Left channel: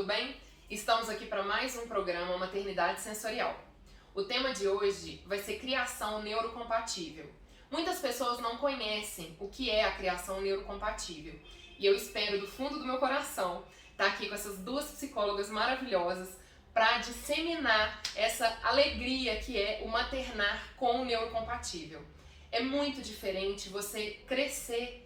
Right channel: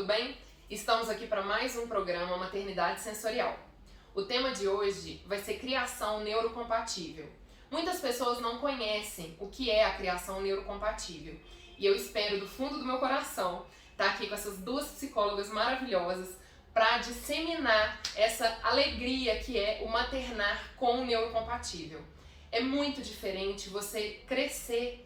tudo bem? Estamos aqui para mais um programa Maternidade Sensorial. O tema de hoje vai ser criação neurocompatível. Muitas pessoas não conhecem o que é a criação neurocompatível e eu espero do fundo do meu coração estar aqui com essas duas psicólogas maravilhosas para disseminar essa alegria que é o maternar com o neurocompatível. É muito diferente você crescer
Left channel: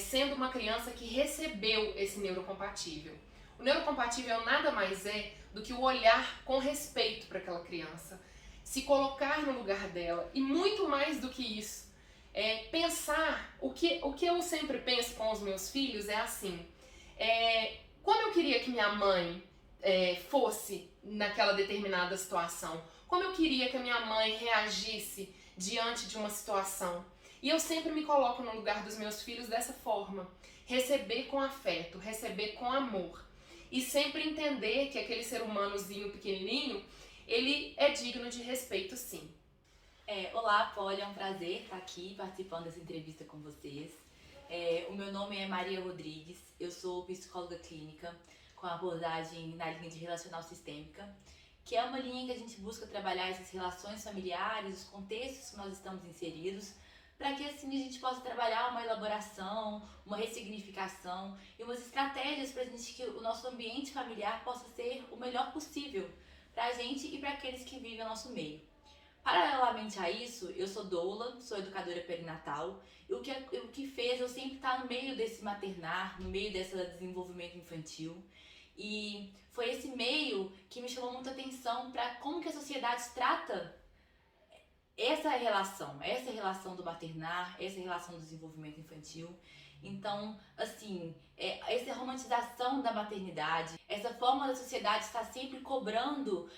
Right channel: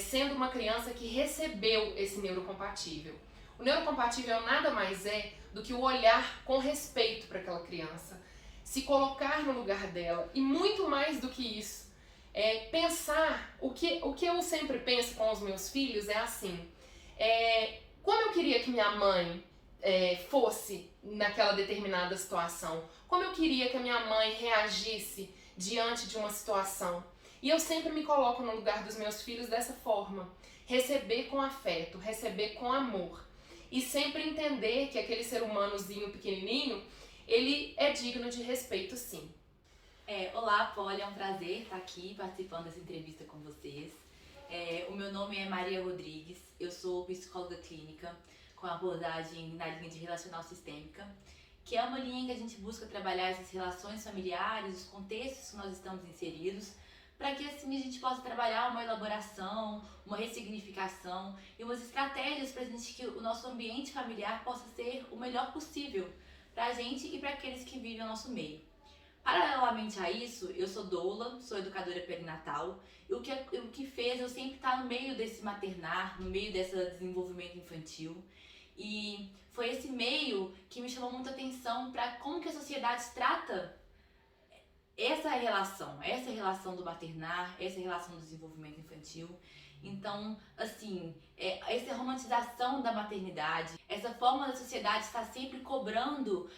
sendo uma criança que recebeu esse neurocompatível. O neurocompatível nada mais é do que o olhar com respeito para aquela criança, se colocar no lugar dela e muito mais do que isso, pensar, o que eu sempre penso com os meus filhos é assim, como eu queria que minha mãe fosse naquela determinada situação, como eu queria que a minha mãe reagisse diante de uma situação. E eu sempre me coloco no lugar dos meus filhos dessa forma, receber com afeto, receber com amor. E sempre entender que aquele ser humanozinho pequenininho, ele é digno de respeito, sim. Olá, Polly, é um prazer estar aqui participando dessa entrevista com vocês. O meu nome é Maria Rodrigues, eu sou psicóloga clínica com abordagem na linha de relacional sistêmica, que é uma linha que a gente busca trabalhar essas relações familiares, os contextos que nós estamos inseridos, para que assim a gente possa trabalhar uma elaboração, uma ressignificação e umas estratégias para a gente que o nosso ambiente familiar possa ser o melhor possível para a gente e para aqueles que vivem ao nosso meio. Paralelamente a isso, eu sou doula, sou educadora perinatal e o que fez eu sempre estar no meio desse maternar, no meio desse desenvolvimento infantil. E foi esse meio que me chamou muita atenção para como que a sociedade trata essa relação do maternar, essa relação do desenvolvimento infantil. Então, assim, essa romantização da maternidade, essa forma da sociedade estar sempre cobrando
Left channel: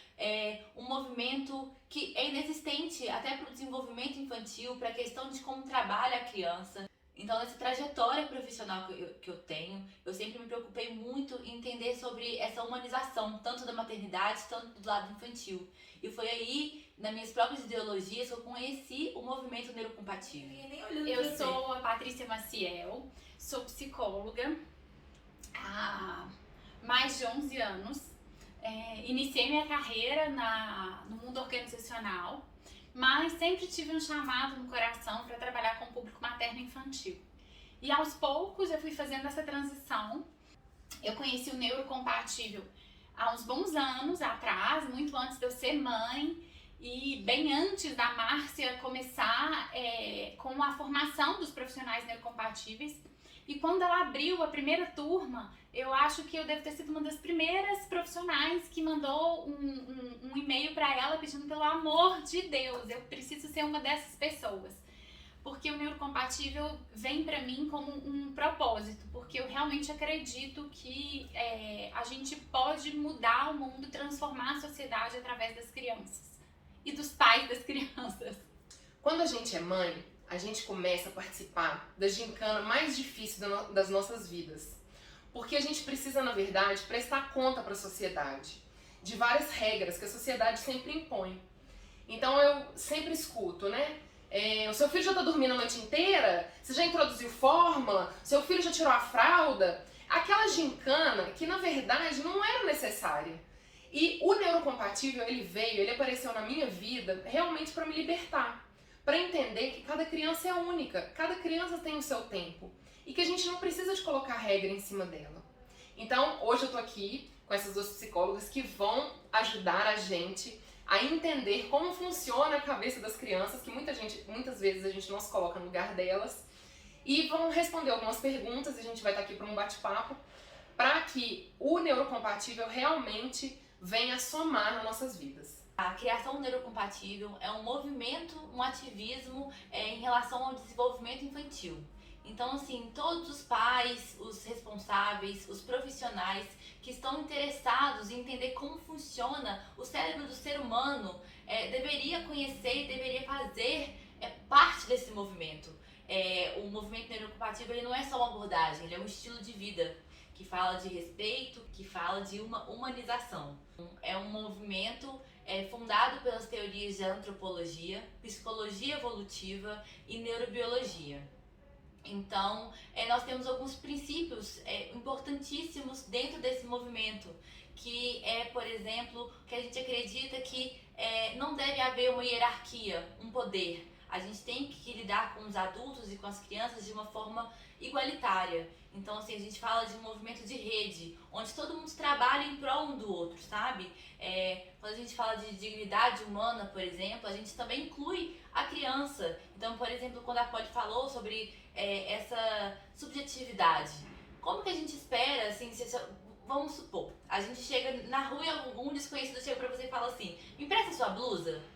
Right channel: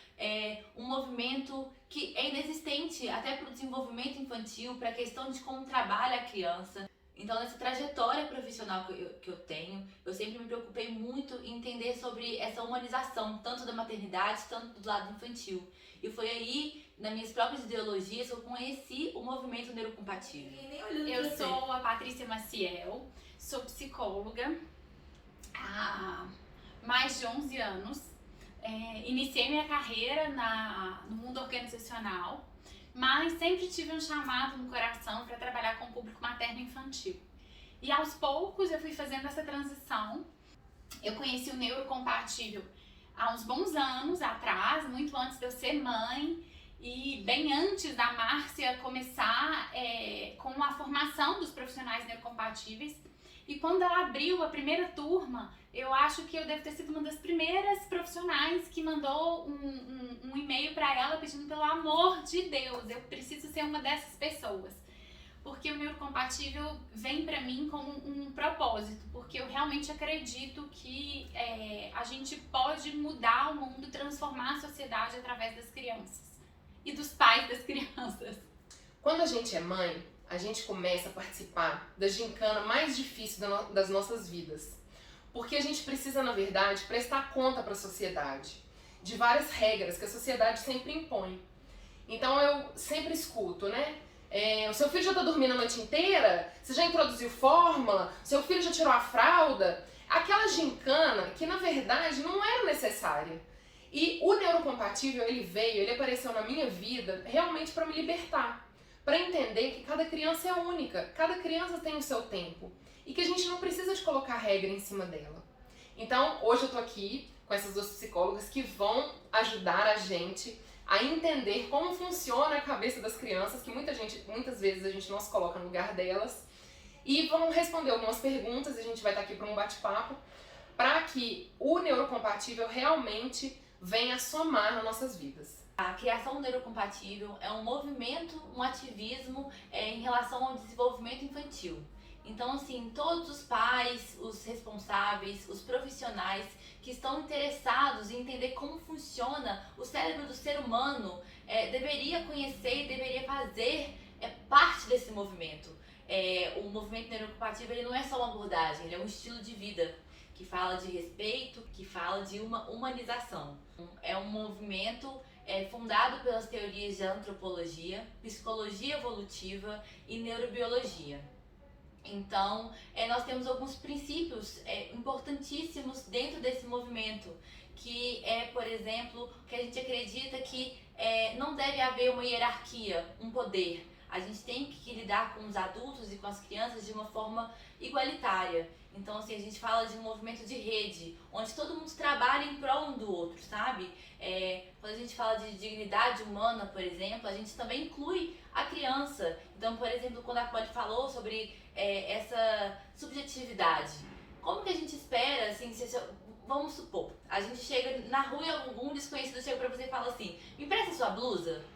um movimento que é inexistente até para o desenvolvimento infantil, para a questão de como trabalha a criança. Então, nessa trajetória profissional que eu tenho, eu sempre me preocupei muito em entender sobre essa humanização, tanto da maternidade, tanto do lado infantil. E foi aí, nas minhas próprias ideologias, que eu conheci o movimento neurocompatível. Eu sou a Patrícia Maciel, sou psicóloga há mais de 11 anos. Iniciei minha carreira no mundo organizacional, mas sempre tive um chamado no coração para trabalhar com o público materno e infantil. E aos poucos eu fui fazendo essa transição. Eu conheci o neurocompatível há uns bons anos atrás, muito antes de eu ser mãe e bem antes da Márcia começar com a formação dos profissionais neurocompatíveis. E quando ela abriu a primeira turma, eu acho que eu devo ter sido uma das primeiras profissionais que mandou um e-mail para ela pedindo pelo amor de Deus, eu preciso ser uma dessas pessoas. Porque o neurocompatível vem para mim como um propósito, porque eu realmente acredito que a gente pode mudar o mundo, transformar a sociedade através das crianças e dos pais das crianças. Quando a gente é mãe, a gente começa a participar da gincana mais difícil das nossas vidas. Porque a gente precisa, na verdade, prestar conta para a sociedade de várias regras que a sociedade sempre impõe. Então eu sempre escuto, né? O seu filho já está dormindo a noite inteira? Você já introduziu fórmula? Seu filho já tirou a fralda? Aquela gincana que, na verdade, não era necessária. E o neurocompatível, ele apareceu na minha vida realmente para me libertar. Para entender que cada criança é única, cada criança tem o seu tempo e que a gente não precisa de colocar regra em cima dela. Então, hoje eu tô aqui com essas duas psicólogas que vão ajudar a gente a entender como funciona a cabeça das crianças, que muitas vezes a gente não se coloca no lugar delas, e vão responder algumas perguntas, e a gente vai estar aqui para um bate-papo, para que o neurocompatível realmente venha somar nas nossas vidas. A criação neurocompatível é um movimento, um ativismo em relação ao desenvolvimento infantil. Então, assim, todos os pais, os responsáveis, os profissionais que estão interessados em entender como funciona o cérebro do ser humano deveria conhecer e deveria fazer parte desse movimento. O movimento neurocompatível ele não é só uma abordagem, ele é um estilo de vida que fala de respeito, que fala de uma humanização. É um movimento fundado pelas teorias de antropologia, psicologia evolutiva e neurobiologia. Então, nós temos alguns princípios importantíssimos dentro desse movimento, que é, por exemplo, que a gente acredita que não deve haver uma hierarquia, um poder. A gente tem que lidar com os adultos e com as crianças de uma forma igualitária. Então, assim, a gente fala de um movimento de rede, onde todo mundo trabalha em prol um do outro, sabe? Quando a gente fala de dignidade humana, por exemplo, a gente também inclui a criança. Então, por exemplo, quando a Polly falou sobre essa subjetividade, como que a gente espera, assim, vamos supor, a gente chega na rua e algum desconhecido chega pra você e fala assim, me empresta sua blusa?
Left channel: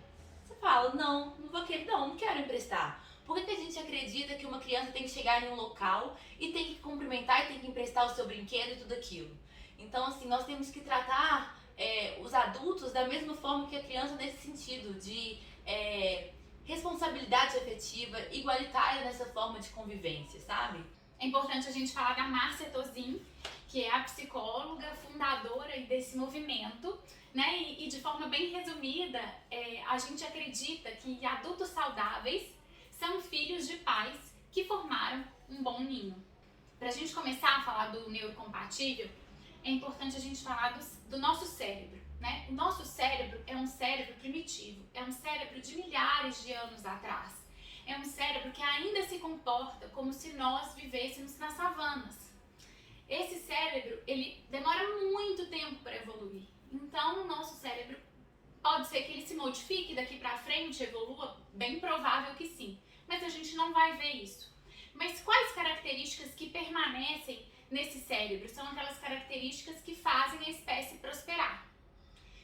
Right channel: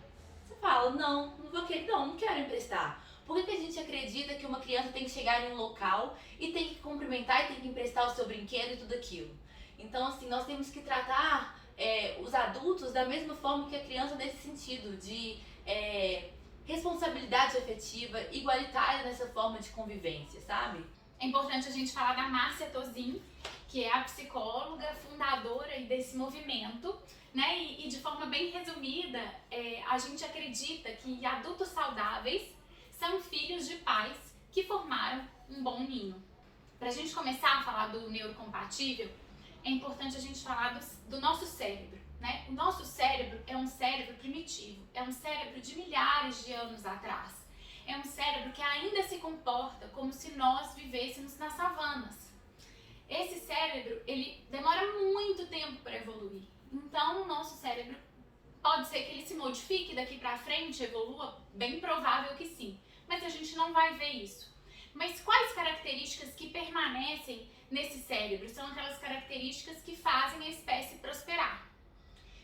Você fala, não vou querer, não quero emprestar. Por que a gente acredita que uma criança tem que chegar em um local e tem que cumprimentar e tem que emprestar o seu brinquedo e tudo aquilo? Então, assim, nós temos que tratar os adultos da mesma forma que a criança nesse sentido, de responsabilidade afetiva, igualitária nessa forma de convivência, sabe? É importante a gente falar da Márcia Tozin, que é a psicóloga fundadora desse movimento, né? E de forma bem resumida, a gente acredita que adultos saudáveis são filhos de pais que formaram um bom ninho. Para a gente começar a falar do neurocompatível, é importante a gente falar do nosso cérebro, né? O nosso cérebro é um cérebro primitivo, é um cérebro de milhares de anos atrás. É um cérebro que ainda se comporta como se nós vivêssemos nas savanas. Esse cérebro, ele demora muito tempo para evoluir. Então, o nosso cérebro pode ser que ele se modifique daqui para frente, evolua, bem provável que sim. Mas a gente não vai ver isso. Mas quais características que permanecem nesse cérebro? São aquelas características que fazem a espécie prosperar.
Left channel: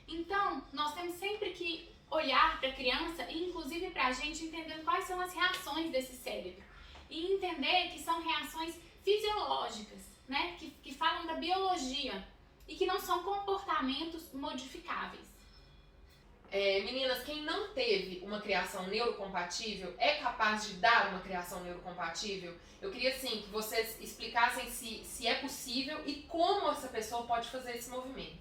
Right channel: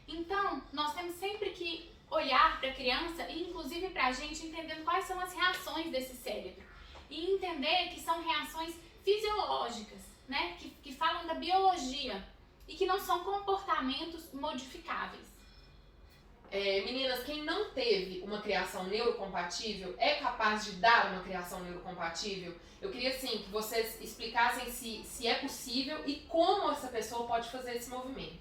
Então, nós temos sempre que olhar para a criança e inclusive para a gente entendendo quais são as reações desse cérebro. E entender que são reações fisiológicas, né? Que falam da biologia e que não são comportamentos modificáveis. Meninas, quem não teve uma criação neurocompatível é capaz de dar uma criação neurocompatível? Eu queria, assim, que vocês explicassem se é possível e como essa pessoa pode fazer esse movimento.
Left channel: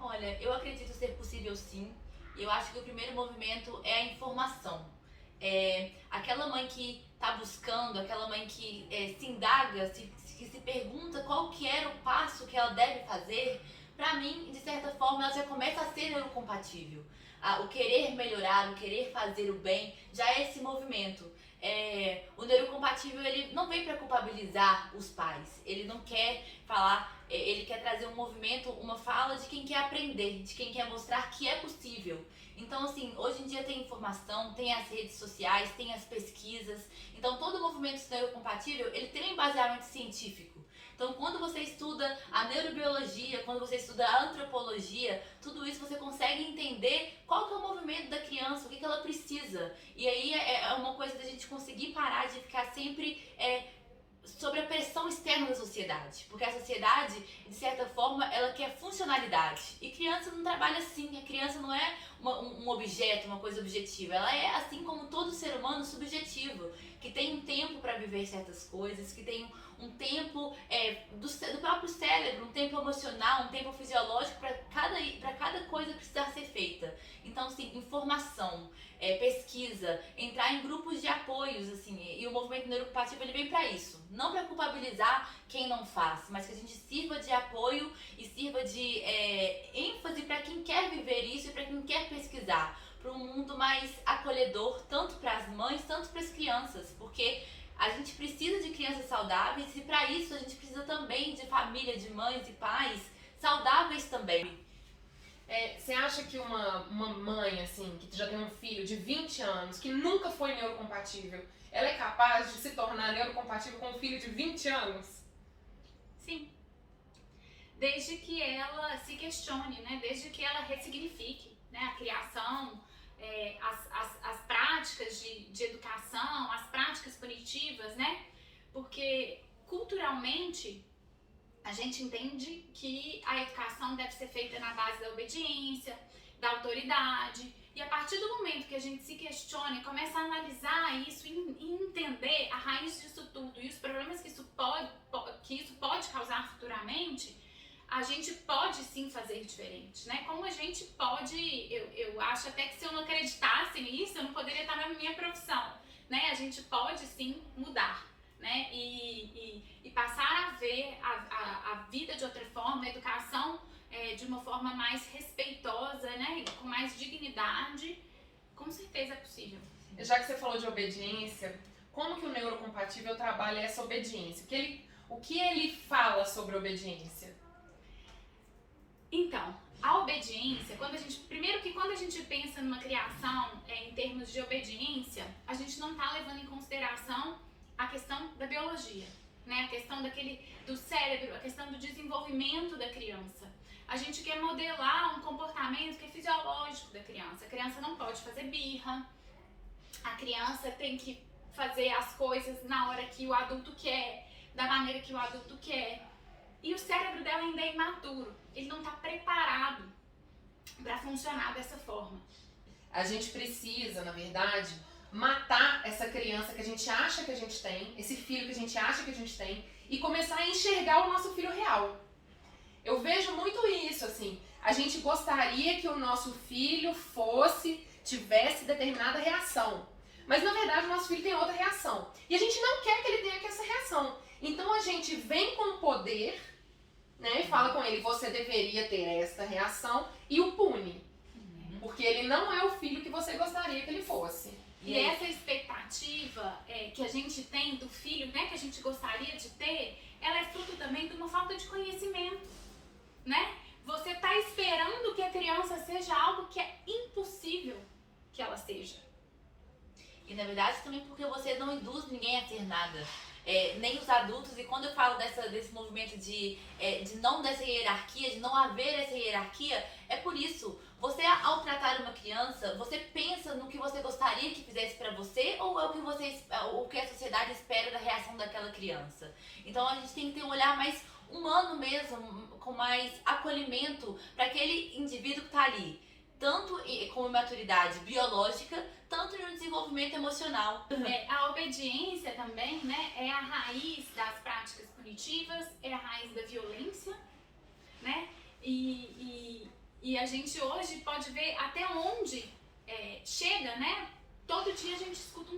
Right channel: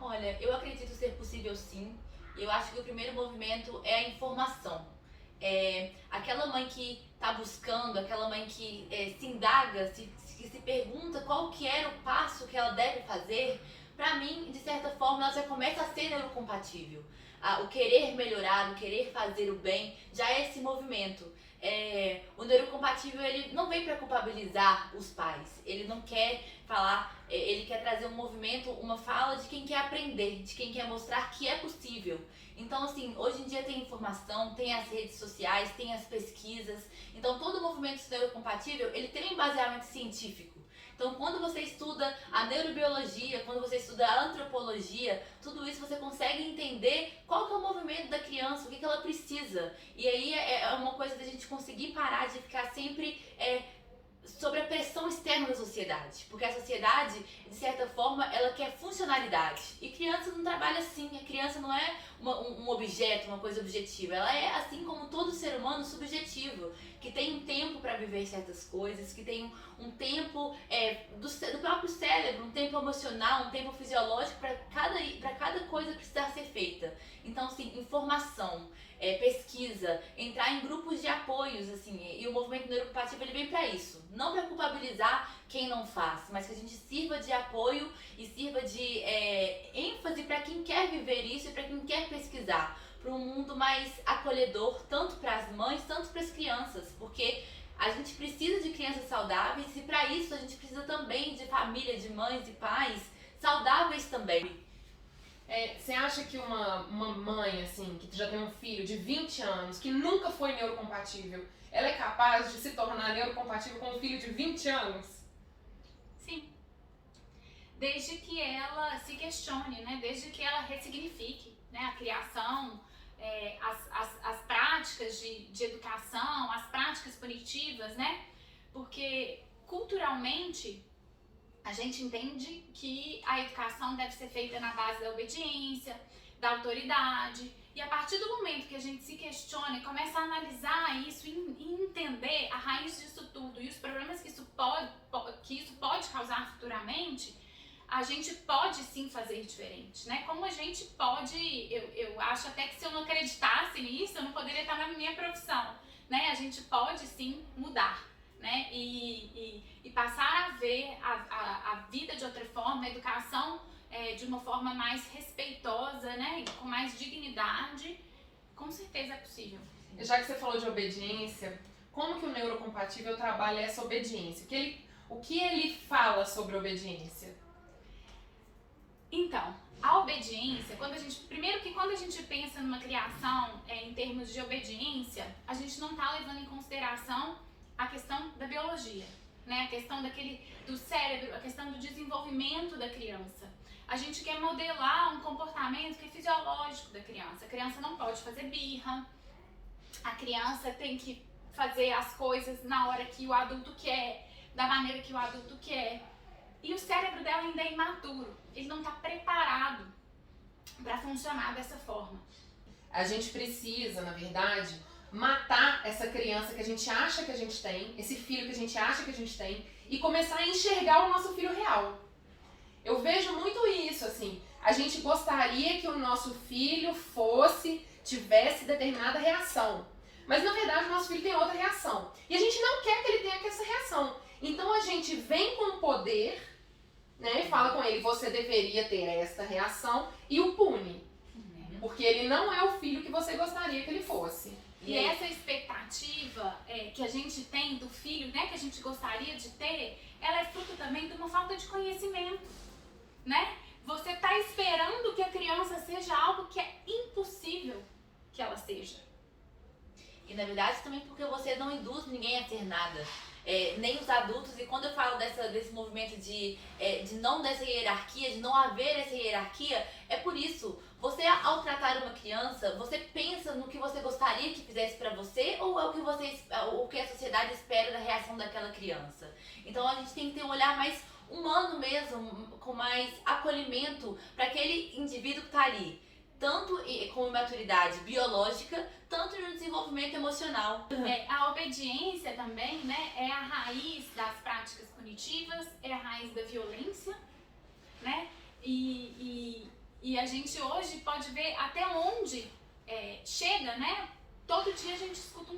Olha, eu acredito ser possível sim. Eu acho que o primeiro movimento é a informação. Aquela mãe que está buscando, aquela mãe que se indaga, que se pergunta qual que era o passo que ela deve fazer, pra mim, de certa forma, ela já começa a ser neurocompatível. O querer melhorar, o querer fazer o bem, já é esse movimento. O neurocompatível, ele não vem para culpabilizar os pais, ele não quer falar, ele quer trazer um movimento, uma fala de quem quer aprender, de quem quer mostrar que é possível. Então, assim, hoje em dia tem informação, tem as redes sociais, tem as pesquisas, então todo movimento neurocompatível, ele tem um embasamento científico. Então, quando você estuda a neurobiologia, quando você estuda a antropologia, tudo isso você consegue entender qual que é o movimento da criança, o que ela precisa. E aí é uma coisa da gente conseguir parar de ficar sempre sobre a pressão externa da sociedade. Porque a sociedade, de certa forma, ela quer funcionalidade. E criança não trabalha assim. A criança não é um objeto, uma coisa objetiva. Ela é, assim como todo ser humano, subjetivo. Que tem um tempo para viver certas coisas, que tem um tempo do próprio cérebro, um tempo emocional, um tempo fisiológico para cada coisa precisar ser feita. Então, assim, informação, pesquisa, entrar em grupos de apoios, assim, e o movimento neurocompatível ele vem para isso. Não para culpabilizar quem não faz, mas que a gente sirva de apoio e sirva de ênfase para quem quer viver isso e para quem quer pesquisar. Para um mundo mais acolhedor, tanto para as mães, tanto para as crianças, porque a gente precisa de crianças saudáveis e para isso a gente precisa também de família, de mães e pais saudáveis também. Você acha que uma mãe, assim, que já tem um filho de 20 anos, que nunca foi neurocompatível, ela é capaz de se tornar neurocompatível com um filho de 20 anos? Sim. Desde que ela se questione, né? Desde que ela ressignifique, né? A criação, as práticas de educação, as práticas punitivas, né? Porque culturalmente a gente entende que a educação deve ser feita na base da obediência, da autoridade, e a partir do momento que a gente se questiona e começa a analisar isso e entender a raiz disso tudo e os problemas que isso pode causar futuramente, a gente pode sim fazer diferente, né? Como a gente pode, eu acho até que se eu não acreditasse nisso, eu não poderia estar na minha profissão, né? A gente pode sim mudar. né? E passar a ver a vida de outra forma, a educação de uma forma mais respeitosa, né? E com mais dignidade, com certeza é possível. Já que você falou de obediência, como que o neurocompatível trabalha essa obediência? O que ele fala sobre obediência? Então, a obediência, primeiro que quando a gente pensa numa criação em termos de obediência, a gente não está levando em consideração a questão da biologia, né? A questão do cérebro, a questão do desenvolvimento da criança. A gente quer modelar um comportamento que é fisiológico da criança. A criança não pode fazer birra, a criança tem que fazer as coisas na hora que o adulto quer, da maneira que o adulto quer. E o cérebro dela ainda é imaturo, ele não está preparado para funcionar dessa forma. A gente precisa, na verdade, matar essa criança que a gente acha que a gente tem, esse filho que a gente acha que a gente tem, e começar a enxergar o nosso filho real. Eu vejo muito isso, assim, a gente gostaria que o nosso filho tivesse determinada reação, mas na verdade o nosso filho tem outra reação, e a gente não quer que ele tenha essa reação. Então a gente vem com o poder, né, e fala com ele, você deveria ter esta reação, e o pune. Porque ele não é o filho que você gostaria que ele fosse. E essa expectativa que a gente tem do filho, né, que a gente gostaria de ter, ela é fruto também de uma falta de conhecimento, né? Você está esperando que a criança seja algo que é impossível que ela seja. E na verdade também porque você não induz ninguém a ser nada. Nem os adultos, e quando eu falo desse movimento de não dessa hierarquia, de não haver essa hierarquia, é por isso, você ao tratar uma criança, você pensa no que você gostaria que fizesse pra você, ou é o que a sociedade espera da reação daquela criança? Então a gente tem que ter um olhar mais humano mesmo, com mais acolhimento para aquele indivíduo que tá ali, tanto com maturidade biológica, tanto no desenvolvimento emocional. A obediência também, né, é a raiz das práticas punitivas, é a raiz da violência, né? E a gente hoje pode ver até onde chega, né? Todo dia a gente escuta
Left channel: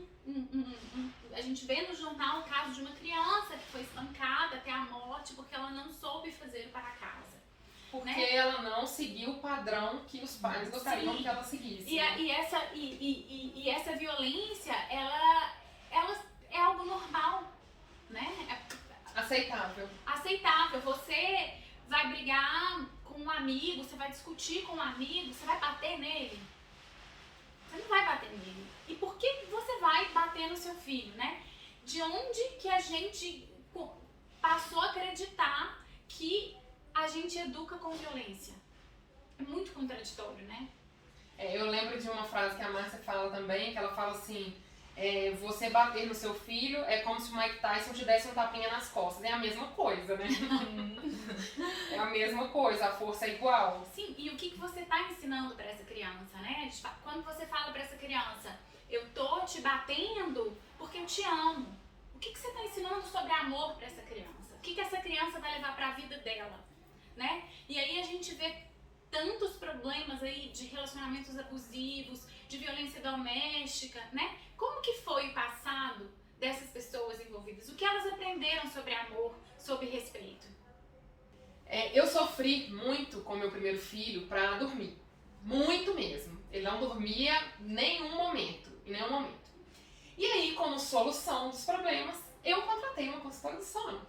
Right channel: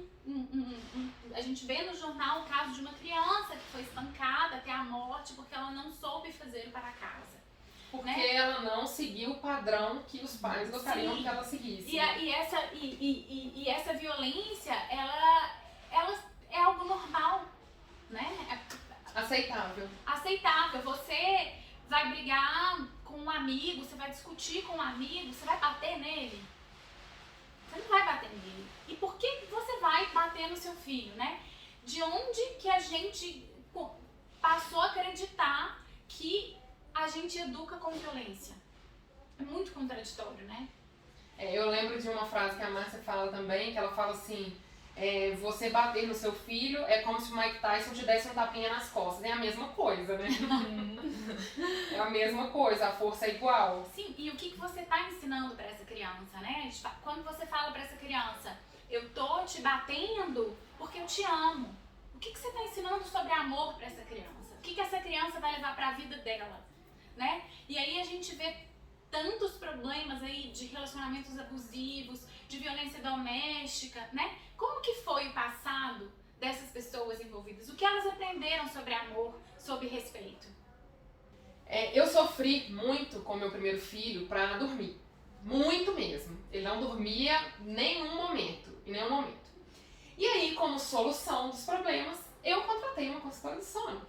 a gente vê no jornal o caso de uma criança que foi espancada até a morte porque ela não soube fazer o para casa. Porque ela não seguiu o padrão que os pais gostariam que ela seguisse. E essa violência, ela é algo normal, né? Aceitável. Aceitável. Você vai brigar com um amigo, você vai discutir com um amigo, você vai bater nele? Você não vai bater nele. E por que você vai bater no seu filho, né? De onde que a gente passou a acreditar que a gente educa com violência? É muito contraditório, né? Eu lembro de uma frase que a Márcia fala também, que ela fala assim, você bater no seu filho é como se o Mike Tyson te desse um tapinha nas costas. É a mesma coisa, né? É a mesma coisa, a força é igual. Sim, e o que você tá ensinando pra essa criança, né? Quando você fala pra essa criança, eu tô te batendo porque eu te amo. O que você tá ensinando sobre amor pra essa criança? O que essa criança vai levar pra vida dela, né? E aí a gente vê tantos problemas aí de relacionamentos abusivos, de violência doméstica, né? Como que foi o passado dessas pessoas envolvidas? O que elas aprenderam sobre amor, sobre respeito? Eu sofri muito com meu primeiro filho pra dormir. Muito mesmo. Ele não dormia em nenhum momento. E aí, como solução dos problemas, eu contratei uma consultora de sono.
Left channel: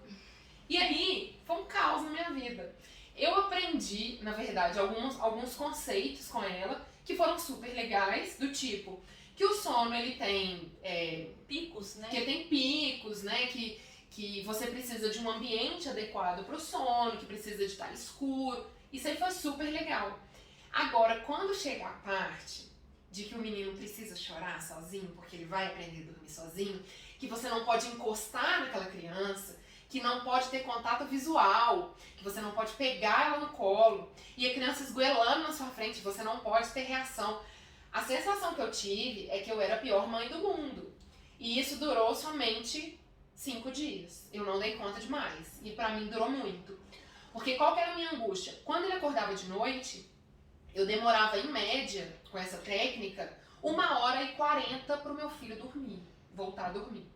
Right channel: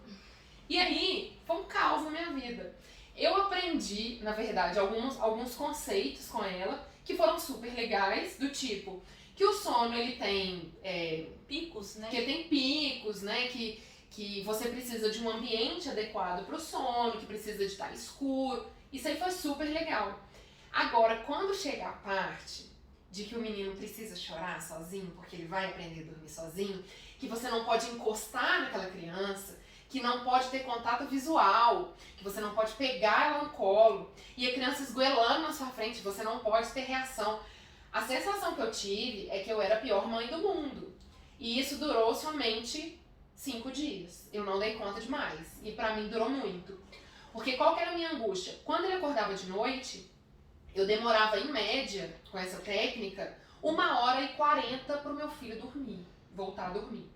E aí, foi um caos na minha vida. Eu aprendi, na verdade, alguns conceitos com ela que foram super legais, do tipo que o sono ele tem picos, né? Que tem picos, né? Que você precisa de um ambiente adequado para o sono, que precisa de estar escuro. Isso aí foi super legal. Agora, quando chega a parte de que o menino precisa chorar sozinho, porque ele vai aprender a dormir sozinho, que você não pode encostar naquela criança, que não pode ter contato visual, que você não pode pegar ela no colo, e a criança esgoelando na sua frente, você não pode ter reação. A sensação que eu tive é que eu era a pior mãe do mundo. E isso durou somente 5 dias. Eu não dei conta de mais. E pra mim durou muito. Porque qual que era a minha angústia? Quando ele acordava de noite, eu demorava em média, com essa técnica, 1h40 pro meu filho dormir, voltar a dormir.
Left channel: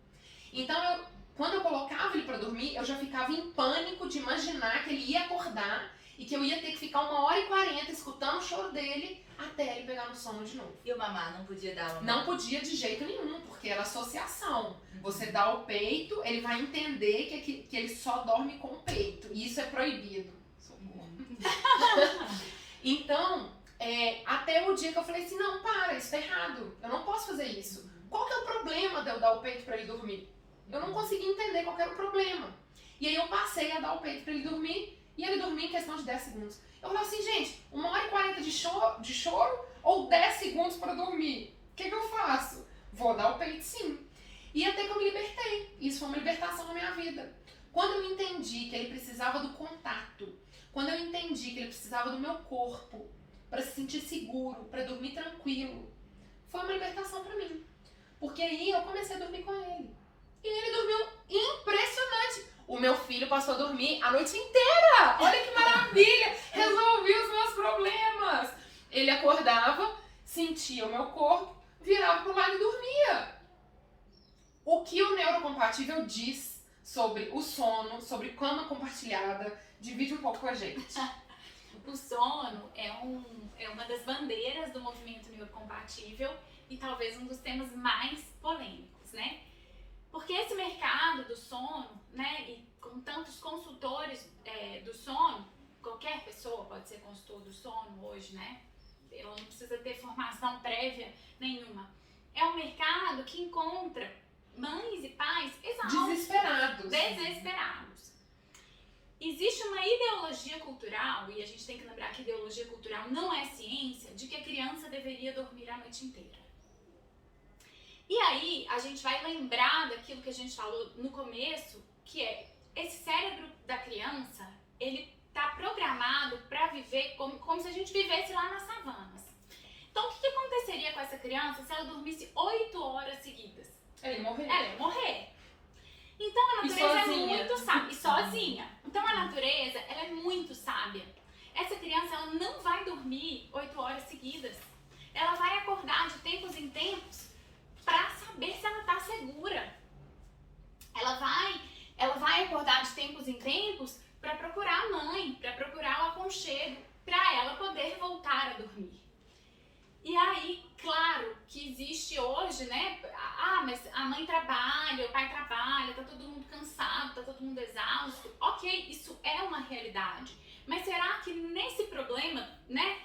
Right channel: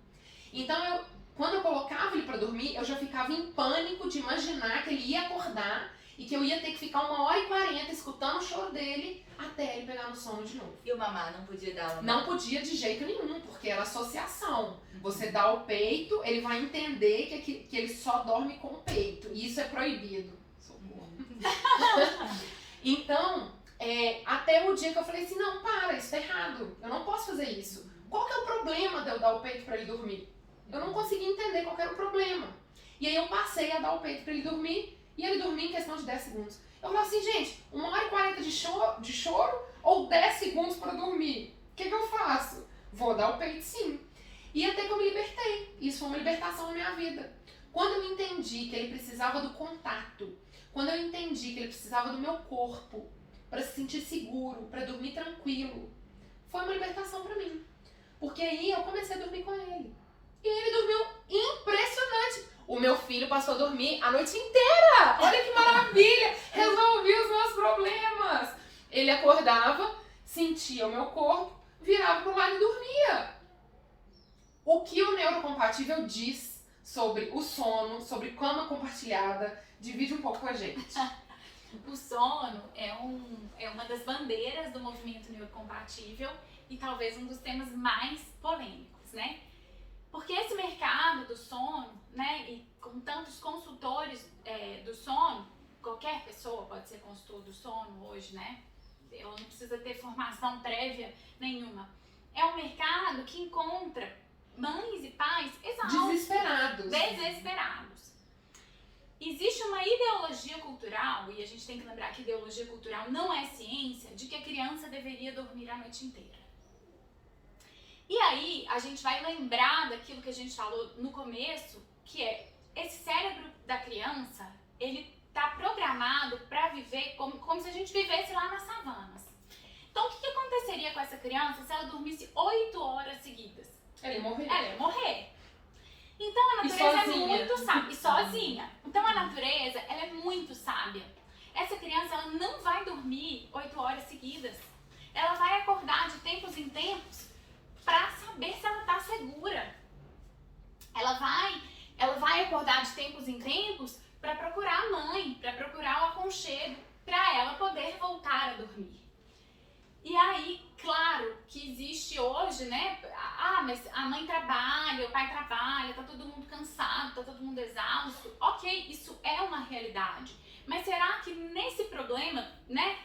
Então quando eu colocava ele pra dormir, eu já ficava em pânico de imaginar que ele ia acordar e que eu ia ter que ficar 1h40 escutando o choro dele até ele pegar no sono de novo. E o mamar não podia dar uma? Não podia de jeito nenhum, porque era associação. Você dá o peito, ele vai entender que ele só dorme com o peito. E isso é proibido. Então, até o dia que eu falei assim, não, para, isso tá errado. Eu não posso fazer isso. Qual que é o problema de eu dar o peito pra ele dormir? Eu não consegui entender qual que era o problema. E aí eu passei a dar o peito pra ele dormir, e ele dormia em questão de 10 segundos. Eu falei assim, gente, 1h40 de choro ou 10 segundos pra dormir? O que eu faço? Vou dar o peito sim. E até que eu me libertei. Isso foi uma libertação na minha vida. Quando eu entendi que ele precisava do contato, quando eu entendi que ele precisava do meu corpo para se sentir seguro, para dormir tranquilo, foi uma libertação para mim. Porque aí eu comecei a dormir com ele. E ele dormiu impressionante. O meu filho passou a dormir a noite inteira. Olha que maravilha! Resolvi os meus problemas. Ele acordava, sentia o meu corpo, virava pro lado e dormia. O que o neurocompatível diz sobre o sono, sobre cama compartilhada, divide um pouco com a gente. O sono é uma das bandeiras do movimento neurocompatível e talvez um dos temas mais polêmicos, né? Porque esse mercado do sono, né, e com tantos consultores do sono, qualquer pessoa pode ser consultor do sono hoje, né? Ela não precisa ter formação prévia nenhuma. É um mercado que encontra mães e pais exaustos, desesperados. Existe uma ideologia cultural, e a gente tem que lembrar que ideologia cultural não é ciência, de que a criança deveria dormir a noite inteira. E aí, a gente vai lembrar daquilo que a gente falou no começo, que é esse cérebro da criança, ele tá programado para viver como se a gente vivesse lá nas savanas. Então, o que aconteceria com essa criança se ela dormisse 8 horas seguidas? Ela ia morrer. Ela ia morrer. Então, a natureza é muito sábia. E sozinha. Então, a natureza, ela é muito sábia. Essa criança, ela não vai dormir 8 horas seguidas. Ela vai acordar de tempos em tempos para saber se ela tá segura. Ela vai acordar de tempos em tempos para procurar a mãe, para procurar o aconchego, para ela poder voltar a dormir. E aí, claro que existe hoje, né? Mas a mãe trabalha, o pai trabalha, tá todo mundo cansado, tá todo mundo exausto. Ok, isso é uma realidade. Mas será que nesse problema, né?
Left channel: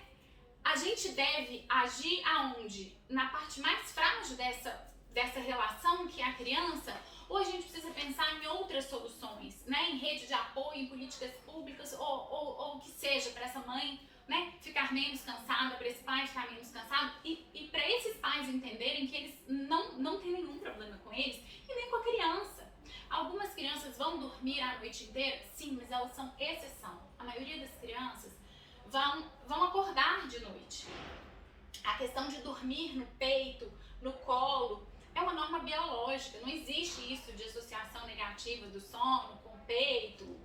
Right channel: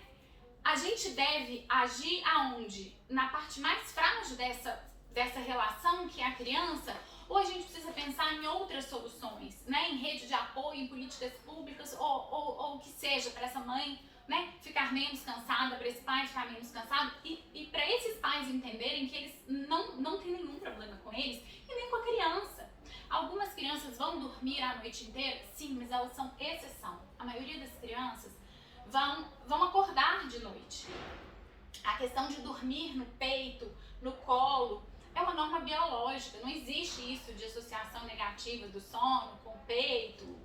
A gente deve agir aonde? Na parte mais frágil dessa relação que é a criança? Ou a gente precisa pensar em outras soluções, né? Em rede de apoio, em políticas públicas, ou o que seja, para essa mãe, né, ficar menos cansada, para esse pai ficar menos cansado, e para esses pais entenderem que eles não tem nenhum problema com eles e nem com a criança. Algumas crianças vão dormir a noite inteira? Sim, mas elas são exceção. A maioria das crianças vão acordar de noite. A questão de dormir no peito, no colo, é uma norma biológica. Não existe isso de associação negativa do sono com o peito.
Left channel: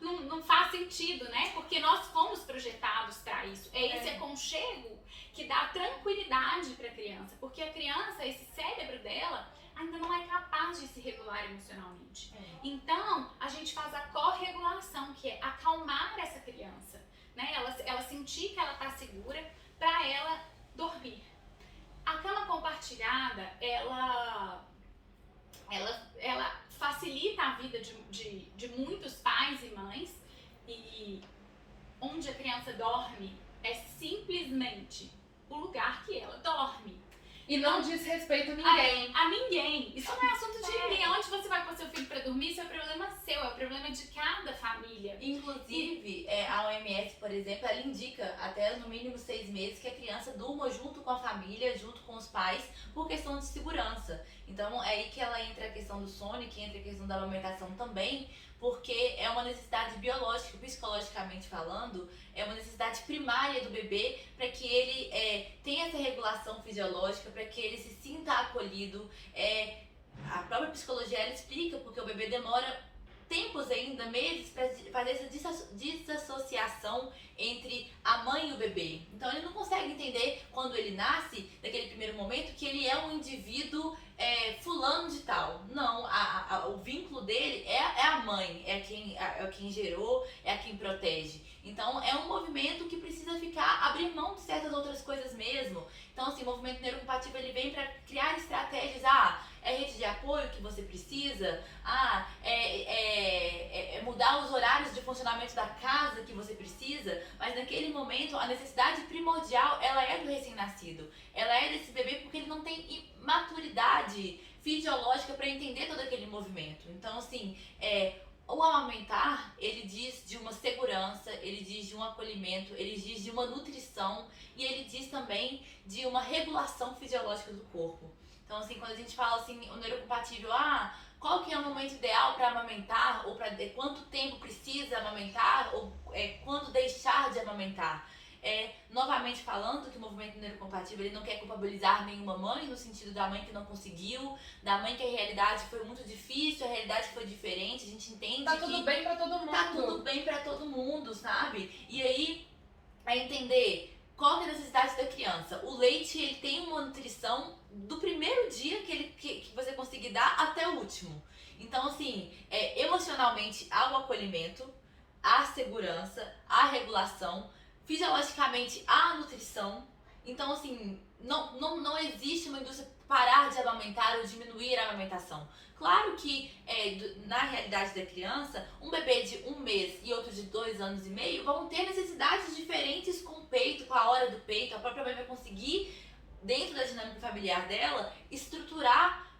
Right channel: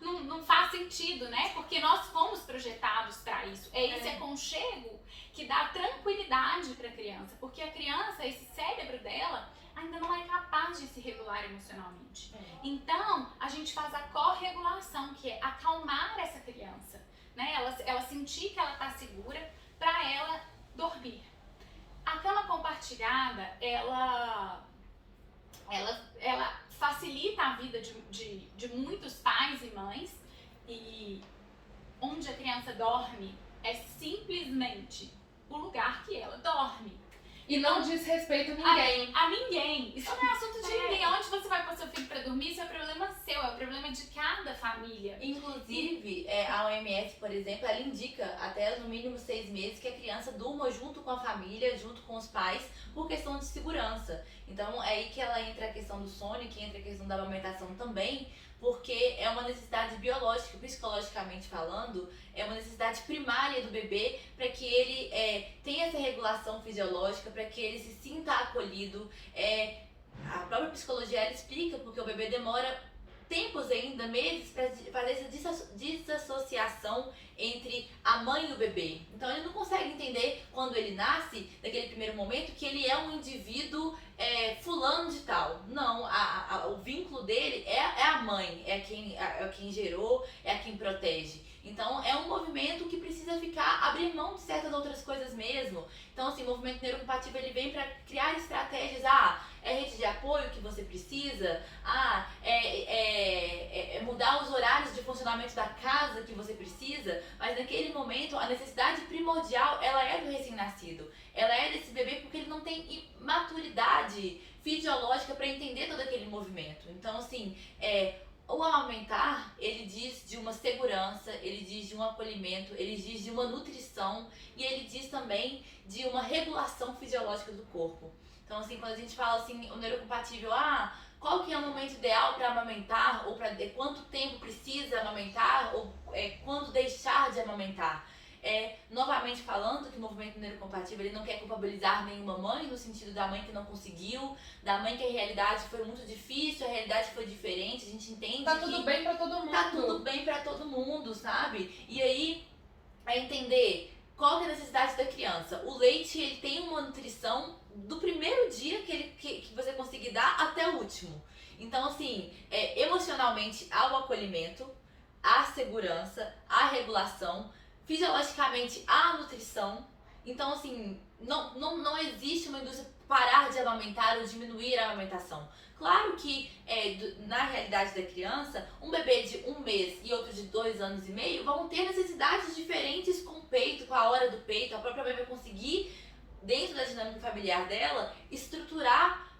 Não faz sentido, né? Porque nós fomos projetados para isso. É esse aconchego que dá tranquilidade para a criança. Porque a criança, esse cérebro dela, ainda não é capaz de se regular emocionalmente. Então, a gente faz a corregulação, que é acalmar essa criança, né? Ela sentir que ela está segura para ela dormir. A cama compartilhada, ela facilita a vida de muitos pais e mães, e onde a criança dorme é simplesmente o lugar que ela dorme. E não diz respeito a ninguém. A ninguém. Isso não é assunto de ninguém. Onde você vai pôr seu filho pra dormir, isso é problema seu, é o problema de cada família. Inclusive, a OMS, por exemplo, ela indica até no mínimo 6 meses que a criança durma junto com a família, junto com os pais, por questão de segurança. Então, é aí que ela entra a questão do sono, que entra a questão da amamentação também, porque é uma necessidade biológica, psicologicamente falando, é uma necessidade primária do bebê para que ele tenha essa regulação fisiológica, para que ele se sinta acolhido. A própria psicologia ela explica porque o bebê demora tempos ainda, meses, para fazer essa desassociação entre a mãe e o bebê. Então ele não consegue entender quando ele nasce, naquele primeiro momento, que ele é um indivíduo fulano de tal. Não. vínculo dele é a mãe, é quem gerou, é quem protege. Então é um movimento que precisa abrir mão de certas outras coisas mesmo. Então assim, o movimento neurocompatível ele vem para criar estratégias, é rede de apoio que você precisa, é mudar os horários de funcionamento da casa que você precisa, mas naquele momento a necessidade primordial ela é do recém-nascido, ela é desse bebê porque ele não tem maturidade fisiológica para entender todo aquele movimento. Então assim, o amamentar, ele diz de uma segurança, ele diz de um acolhimento, ele diz de uma nutrição e ele diz também de uma regulação fisiológica do corpo. Então assim, quando a gente fala assim, o neurocompatível, qual que é o momento ideal para amamentar, ou para quanto tempo precisa amamentar, ou quando deixar de amamentar? Novamente falando que o movimento neurocompatível ele não quer culpabilizar nenhuma mãe, no sentido da mãe que não conseguiu, da mãe que a realidade foi muito difícil, a realidade foi diferente, a gente entende tá tudo bem pra todo mundo. Tá tudo bem pra todo mundo, sabe? E aí, entender qual que é a necessidade da criança. O leite, ele tem uma nutrição do primeiro dia que você conseguir dar até o último. Então, assim, emocionalmente, há o acolhimento, há a segurança, há a regulação, fisiologicamente há a nutrição. Então assim, não existe uma indústria parar de amamentar ou diminuir a amamentação. Claro que na realidade da criança, um bebê de 1 mês e outro de 2 anos e meio vão ter necessidades diferentes com o peito, com a hora do peito. A própria mãe vai conseguir, dentro da dinâmica familiar dela, estruturar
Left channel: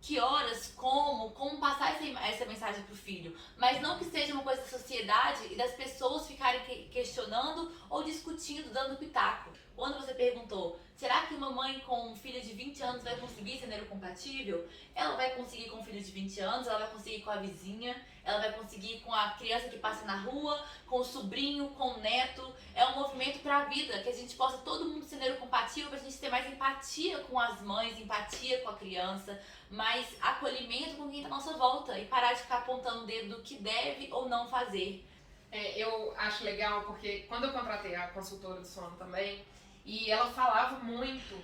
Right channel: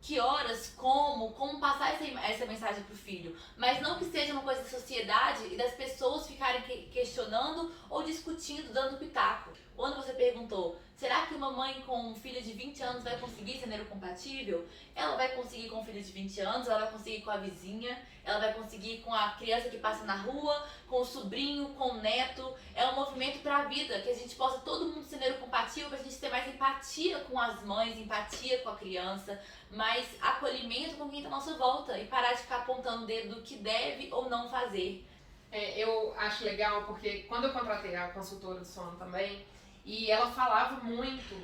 que horas, como passar essa mensagem pro filho, mas não que seja uma coisa da sociedade e das pessoas ficarem questionando ou discutindo, dando pitaco. Quando você perguntou, será que uma mãe com um filho de 20 anos vai conseguir ser neurocompatível? Ela vai conseguir com um filho de 20 anos, ela vai conseguir com a vizinha, ela vai conseguir com a criança que passa na rua, com o sobrinho, com o neto. É um movimento para a vida, que a gente possa todo mundo ser neurocompatível, para a gente ter mais empatia com as mães, empatia com a criança, mais acolhimento com quem está à nossa volta e parar de ficar apontando o dedo do que deve ou não fazer. Eu acho legal porque quando eu contratei a consultora do sono também, e ela falava muito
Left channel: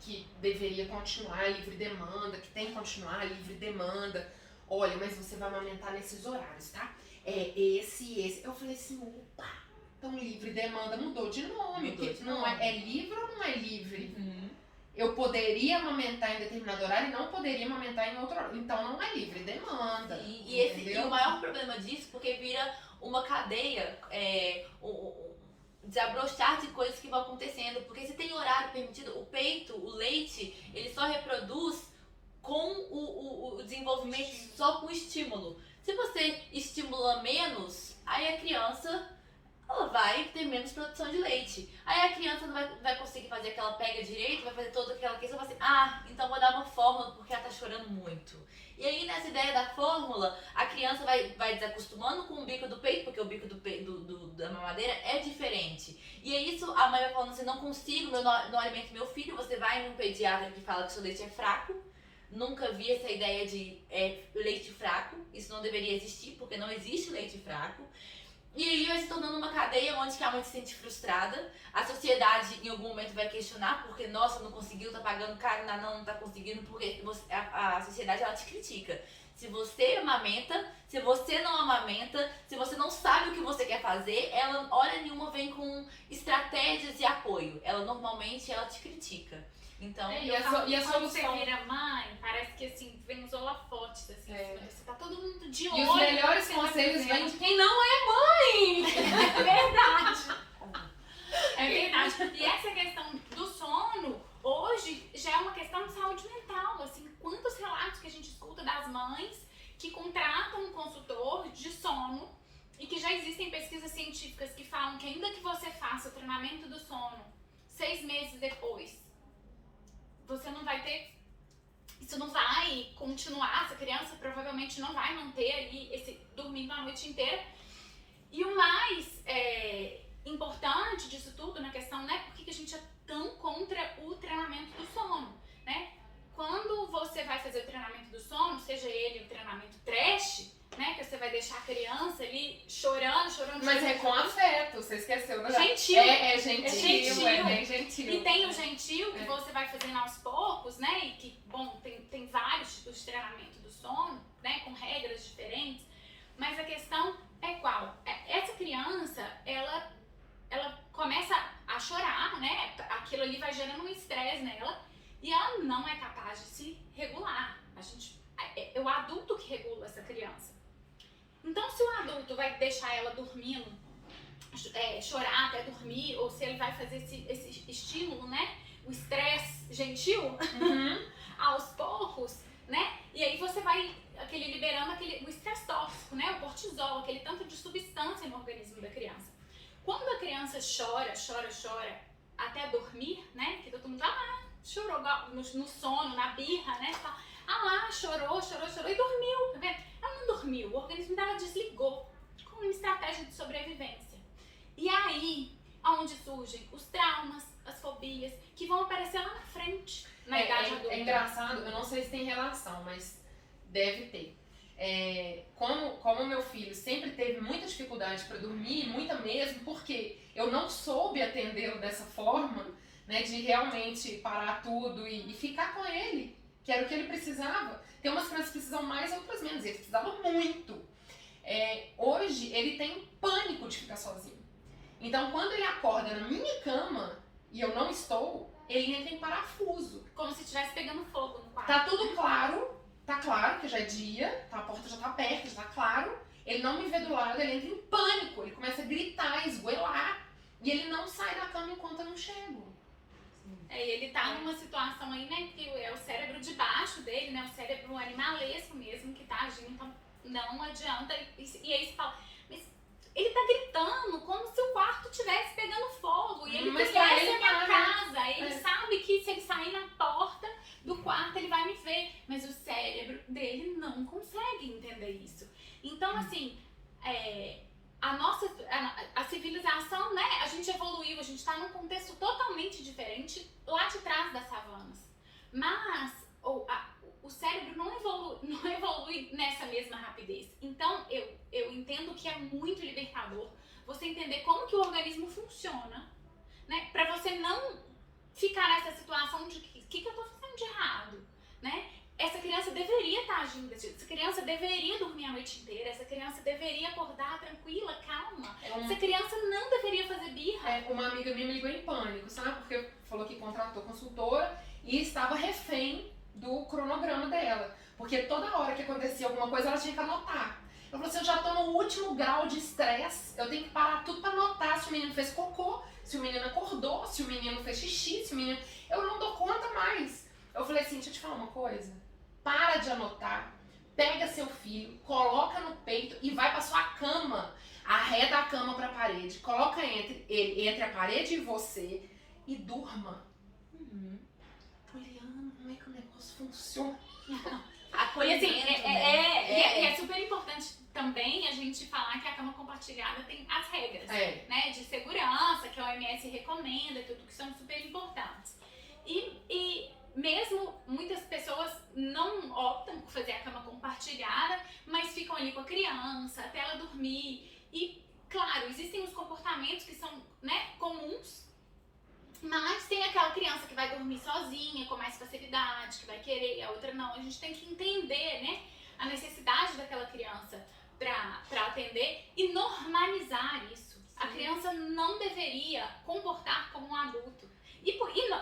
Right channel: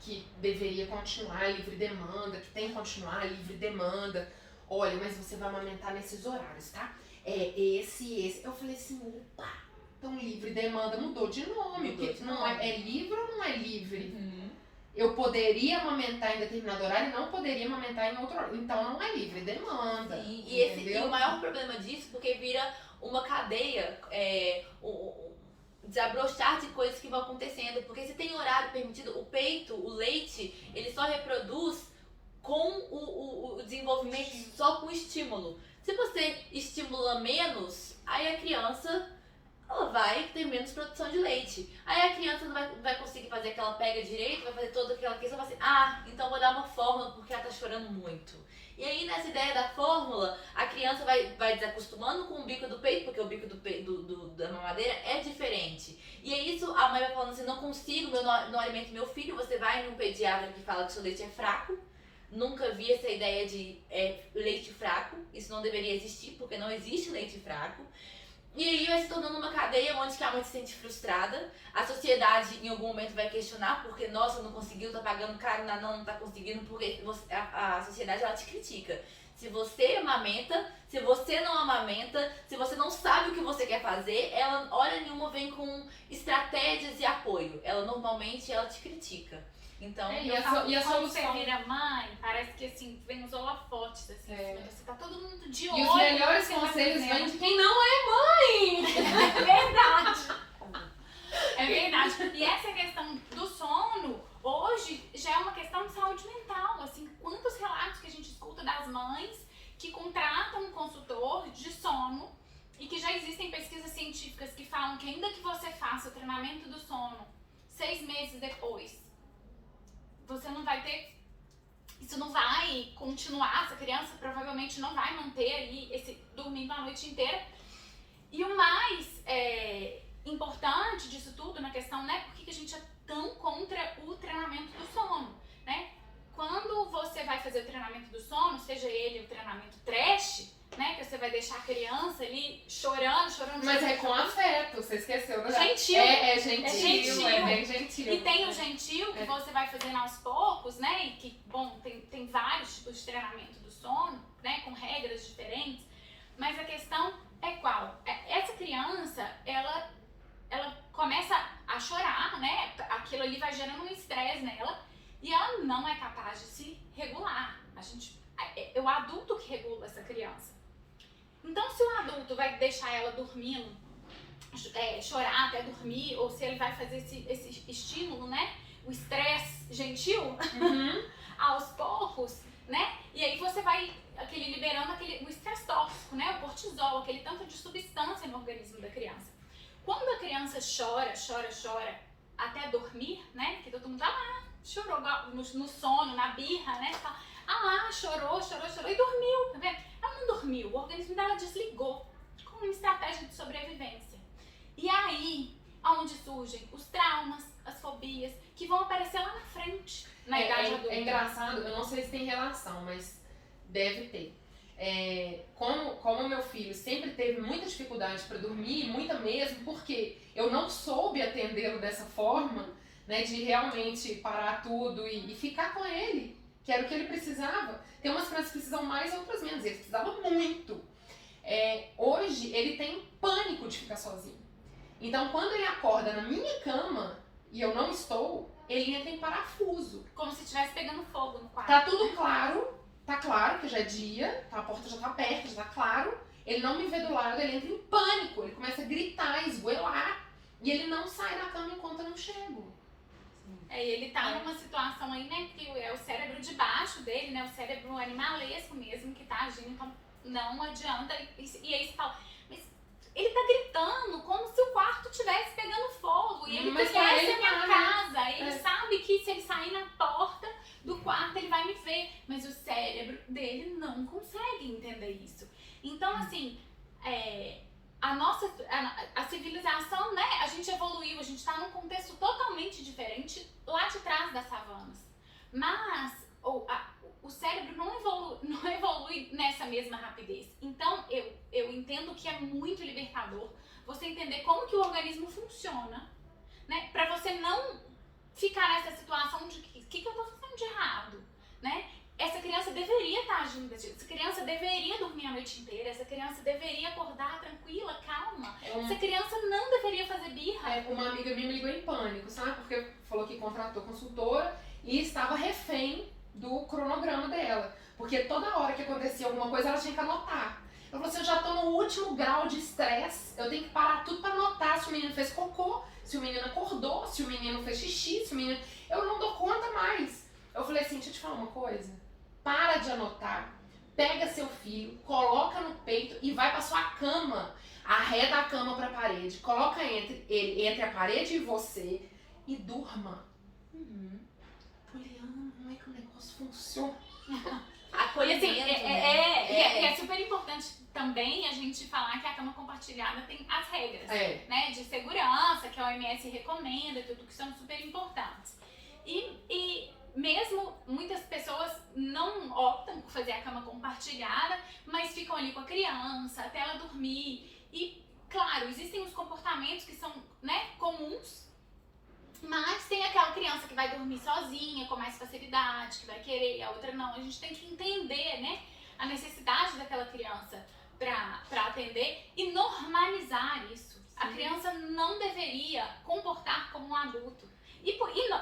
que deveria continuar livre demanda, que tem que continuar livre demanda. Olha, mas você vai amamentar nesses horários, tá? Esse. Eu falei assim, opa, então livre demanda mudou de nome. Não é livre ou não é livre? Uhum. Eu poderia amamentar em determinado horário e não poderia amamentar em outro horário. Então não é livre demanda. E o maior problema disso, porque vira uma cadeia, desabrochar de coisas que vão acontecendo. Porque se tem horário permitido, o peito, o leite, ele só reproduz com o desenvolvimento, só com estímulo. Se você estimula menos, aí a criança ela vai ter menos produção de leite. Aí a criança não vai conseguir fazer aquela pega direito, vai fazer toda aquela questão, vai assim, então vou dar uma fórmula porque ela tá chorando muito. E aí nessa ideia da fórmula, a criança vai desacostumando com o bico do peito, porque o bico da mamadeira é diferente. E aí isso, a mãe vai falando assim, não consigo, não alimento meu filho, você vai num pediatra que fala que seu leite é fraco. Nunca vi essa ideia de leite fraco, isso não deveria existir, porque não existe leite fraco. E aí vai se tornando uma cadeia onde a mãe se sente frustrada, a sociedade em algum momento vai questionar, porque nossa, não conseguiu, tá pagando caro, não tá conseguindo, porque a sociedade ela te critica. Se você amamenta, se você não amamenta, se você não sabe o que você quer fazer, ela hora nenhuma vem com estratégias e apoio. Ela normalmente te critica. Então, e a quando solução... você vira mãe, parece que assim, vem os holofotes, assim, você tá todo mundo de olho. E os melhores conselhos vêm de quem não é mãe! É verdade! É verdade. E essa questão do sono, hoje, já é uma questão de saúde mental, assim, quantos relatos que a gente escuta das mães que contratam um consultor de sono e que já existem pesquisas científicas que falam que ainda que você faça o treinamento do sono 6 meses depois, você não vai ter, isso não vai continuar, essa criança provavelmente não vai manter ali dormindo a noite inteira. E o mais importante disso tudo na questão, né, por que a gente é tão contra o treinamento do sono, né? Quando você vai fazer o treinamento do sono, seja ele o treinamento trash, né, que você vai deixar a criança ali chorando. Mas é com afeto, você esqueceu, né? Gentil. É gentil, é bem gentil. E tem o gentil que você vai fazendo aos poucos, né, e que, bom, tem vários tipos de treinamento do sono, né, regras diferentes, mas a questão é qual? Essa criança, ela começa a chorar, né? Aquilo ali vai gerando um estresse nela e ela não é capaz de se regular. É o adulto que regula essa criança. Então, se o adulto vai deixar ela dormindo, chorar até dormir, ou se ele vai fazer esse estímulo, né? O estresse gentil, aos poucos, né? E aí você vai liberando o estresse tóxico, né? O cortisol, aquele tanto de substância no organismo da criança. Quando a criança chora até dormir, né? Que todo mundo chorou no sono, na birra, né? Chorou e dormiu, tá vendo? Ela não dormiu, o organismo dela desligou com uma estratégia de sobrevivência. E aí, onde surgem os traumas, as fobias, que vão aparecer lá na frente, na idade adulta. É engraçado, eu não sei se tem relação, mas deve ter. Como meu filho sempre teve muita dificuldade para dormir, muita mesmo, porque eu não soube atendê-lo dessa forma, né, de realmente parar tudo e ficar com ele, que era o que ele precisava. Tem umas crianças que precisam mais, outras menos. Ele precisava muito. Hoje, ele tem pânico de ficar sozinho. Então, quando ele acorda na minha cama e eu não estou, ele entra em parafuso. Como se estivesse pegando fogo no quarto. Tá tudo claro. Tá claro que já é dia, a porta já tá perto, já tá claro. Ele não me vê do lado, ele entra em pânico. Ele começa a gritar, esgoelar. E ele não sai da cama enquanto eu não chego. Ele tá numa situação aí, né, que é o cérebro de baixo dele, né, o cérebro animalesco mesmo que tá agindo, então não adianta. E aí você fala, mas ele tá gritando como se o quarto estivesse pegando fogo, e ele conhece a minha casa, ele sabe que se ele sair na porta do quarto ele vai me ver, mas o cérebro dele não consegue entender isso. Então, assim, a civilização, né, a gente evoluiu, a gente tá num contexto totalmente diferente lá de trás das savanas. Mas o cérebro não evolui nessa mesma rapidez. Então, eu entendo que é muito libertador você entender como que o organismo funciona, né, pra você não ficar nessa situação de o que eu tô fazendo de errado, né? Essa criança deveria estar agindo desse jeito, essa criança deveria dormir a noite inteira, essa criança deveria acordar tranquila, calma, essa criança não deveria fazer birra. Uma amiga minha me ligou em pânico, sabe? Porque falou que contratou consultora e estava refém do cronograma dela. Porque toda hora que acontecia alguma coisa, ela tinha que anotar. Ela falou assim, eu já tô no último grau de estresse, eu tenho que parar tudo pra anotar se o menino fez cocô, se o menino acordou, se o menino fez xixi, se o menino... Eu não dou conta mais. Eu falei assim, deixa eu te falar uma coisa. Para de anotar, pega seu filho, coloca no peito e vai pra sua cama. Arreda a cama pra parede, coloca entre a parede e você e durma. Poliana, como é que o negócio funciona? E assim, é super importante também a gente falar que a cama compartilhada tem as regras, né, de segurança, que a OMS recomenda, tudo que são super importantes. E mesmo muitas pessoas não optam por fazer a cama compartilhada, mas ficam ali com a criança até ela dormir. E, claro, existem os comportamentos que são, né, comuns, mas tem aquela criança que vai dormir sozinha, com mais facilidade, que vai querer, a outra não. A gente tem que entender, né, a necessidade daquela criança para atender e normalizar isso. A criança não deveria comportar como um adulto.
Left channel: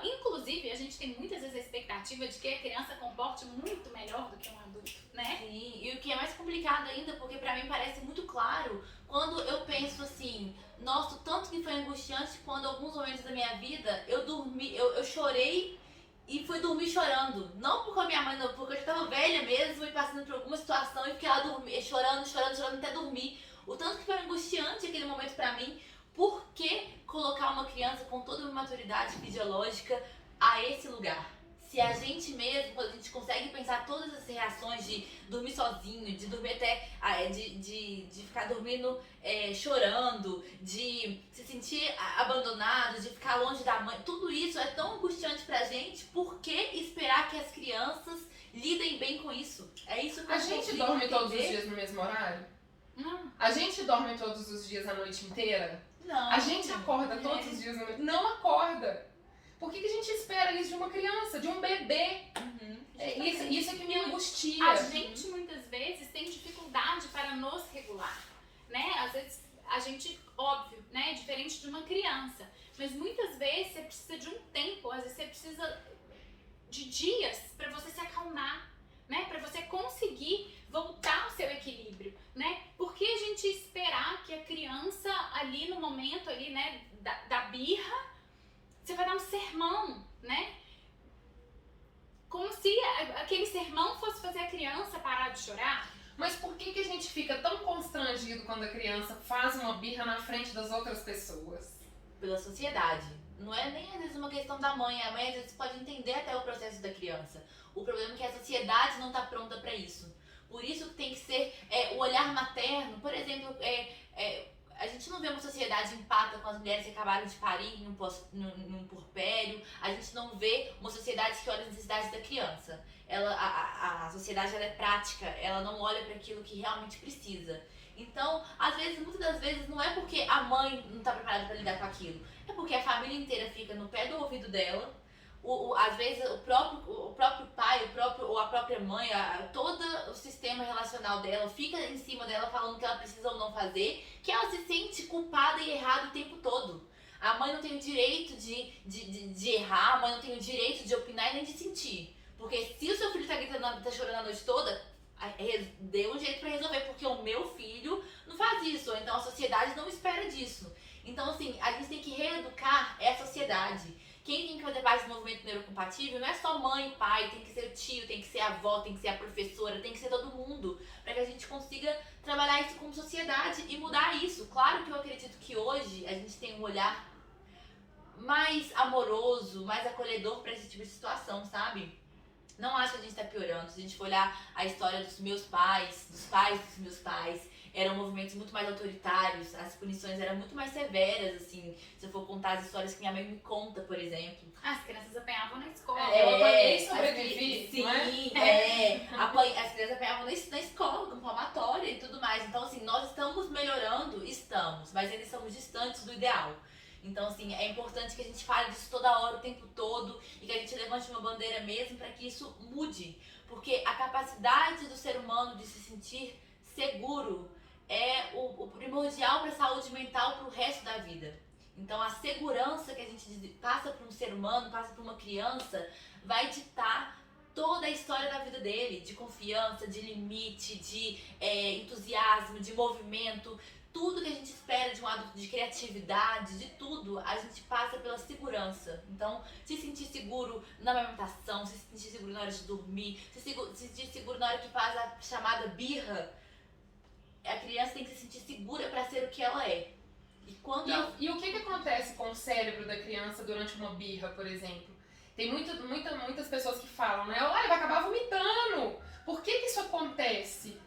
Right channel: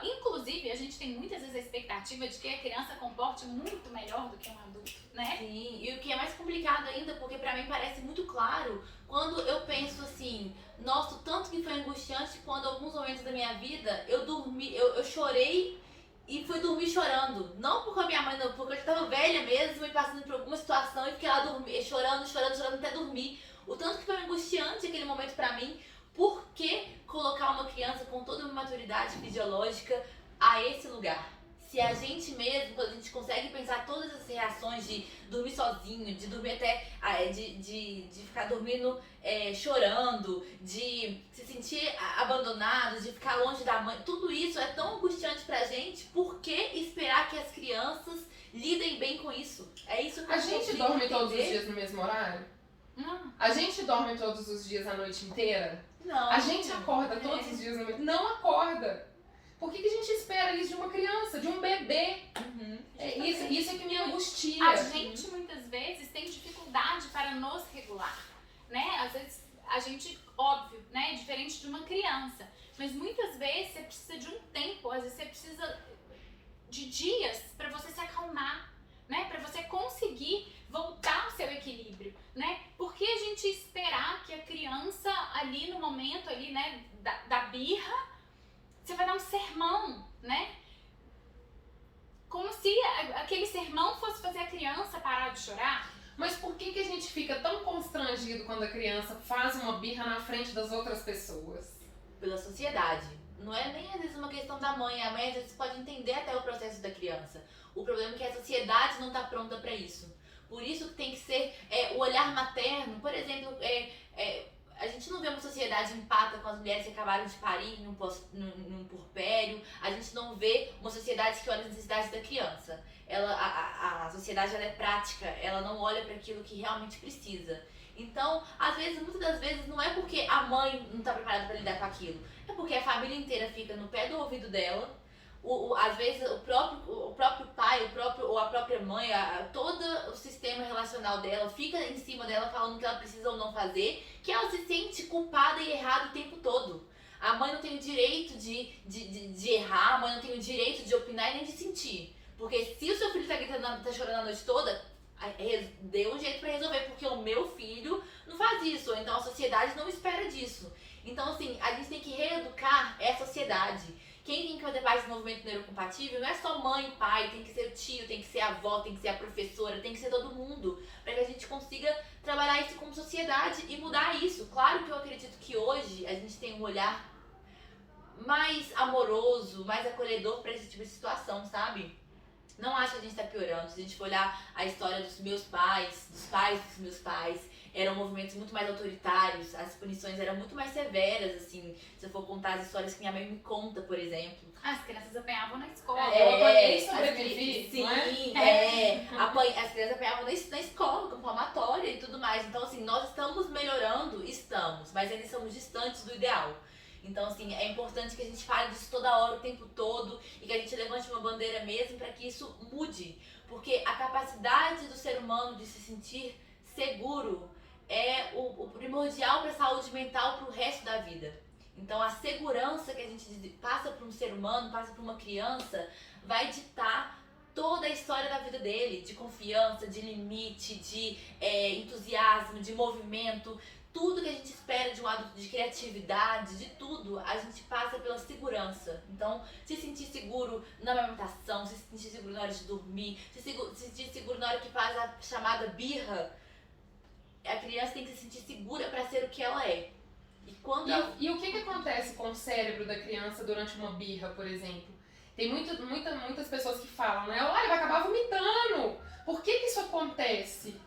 Inclusive, a gente tem muitas vezes a expectativa de que a criança comporte muito melhor do que um adulto, né? Sim, e o que é mais complicado ainda, porque pra mim parece muito claro, quando eu penso assim, nossa, o tanto que foi angustiante quando alguns momentos da minha vida eu chorei e fui dormir chorando. Não porque a minha mãe, não, porque eu estava velha mesmo e passando por alguma situação e fiquei lá chorando até dormir. O tanto que foi angustiante aquele momento pra mim. Por que colocar uma criança com toda uma maturidade fisiológica a esse lugar? Se a gente mesmo, quando a gente consegue pensar todas as reações de dormir sozinho, de dormir até, de ficar dormindo chorando, de se sentir abandonado, de ficar longe da mãe, tudo isso é tão angustiante pra gente, por que esperar que as crianças lidem bem com isso? É isso que a gente dorme todos os dias no mesmo horário? A gente dorme todos os dias a noite inteira? Não. A gente acorda todos os dias à noite? Não acorda. Por que a gente espera isso de uma criança, de um bebê? Isso é que me angustia. A gente muitas vezes tem dificuldade para nos regular, né? Às vezes a gente, óbvio, né, é diferente de uma criança, mas muitas vezes você precisa de um tempo, às vezes você precisa de dias para você se acalmar, né? Para você conseguir voltar ao seu equilíbrio, né? Por que a gente esperar que a criança ali no momento ali, né, da birra, você vai dar um sermão, né? Como se aquele sermão fosse fazer a criança parar de chorar. Mas por que a gente fica tão constrangido quando a criança faz uma birra na frente das outras pessoas? Pela sociedade. Não é nem às vezes uma questão da mãe. A mãe às vezes pode entender até o processo da criança. O problema é que a sociedade não está pronta para isso. Por isso que tem que ser o olhar materno. Por exemplo, a gente não vê uma sociedade empática com as mulheres que acabaram de parir num puerpério. A gente não vê uma sociedade que olha as necessidades da criança. A sociedade ela é prática, ela não olha para aquilo que realmente precisa. Então, às vezes, muitas das vezes, não é porque a mãe não está preparada para lidar com aquilo. É porque a família inteira fica no pé do ouvido dela. Às vezes o próprio pai, ou a própria mãe, todo o sistema relacional dela fica em cima dela falando o que ela precisa ou não fazer, que ela se sente culpada e errada o tempo todo. A mãe não tem o direito de errar, a mãe não tem o direito de opinar e nem de sentir. Porque se o seu filho tá gritando, tá chorando a noite toda, dê um jeito pra resolver, porque o meu filho não faz isso, ou então a sociedade não espera disso. Então assim, a gente tem que reeducar essa sociedade. Quem tem que fazer parte do movimento neurocompatível não é só mãe e pai, tem que ser o tio, tem que ser a avó, tem que ser a professora, tem que ser todo mundo, para que a gente consiga trabalhar isso como sociedade e mudar isso. Claro que eu acredito que hoje a gente tem um olhar mais amoroso, mais acolhedor para esse tipo de situação, sabe? Não acho que a gente tá piorando. Se a gente for olhar a história dos meus pais, dos pais dos meus pais, eram movimentos muito mais autoritários, as punições eram muito mais severas, assim, se eu for contar as histórias que minha mãe me conta, por exemplo. As crianças apanhavam na escola. Eu apanhei e sobrevivi, Sim, não as crianças apanhavam na escola, com palmatória e tudo mais. Então, assim, nós estamos melhorando, mas ainda estamos distantes do ideal. Então, assim, é importante que a gente fale disso toda hora, o tempo todo, e que a gente levante uma bandeira mesmo para que isso mude. Porque a capacidade do ser humano de se sentir seguro é o primordial para a saúde mental para o resto da vida. Então, a segurança que a gente passa para um ser humano, passa para uma criança, vai ditar toda a história da vida dele, de confiança, de limite, de entusiasmo, de movimento. Tudo que a gente espera de um adulto, de criatividade, de tudo, a gente passa pela segurança. Então, se sentir seguro na amamentação, se sentir seguro na hora de dormir, se sentir seguro na hora que faz a chamada birra, a criança tem que se sentir segura para ser o que ela é. E o que acontece com o cérebro da criança durante uma birra, por exemplo? Tem muitas pessoas que falam, né? Olha, vai acabar vomitando. Por que isso acontece?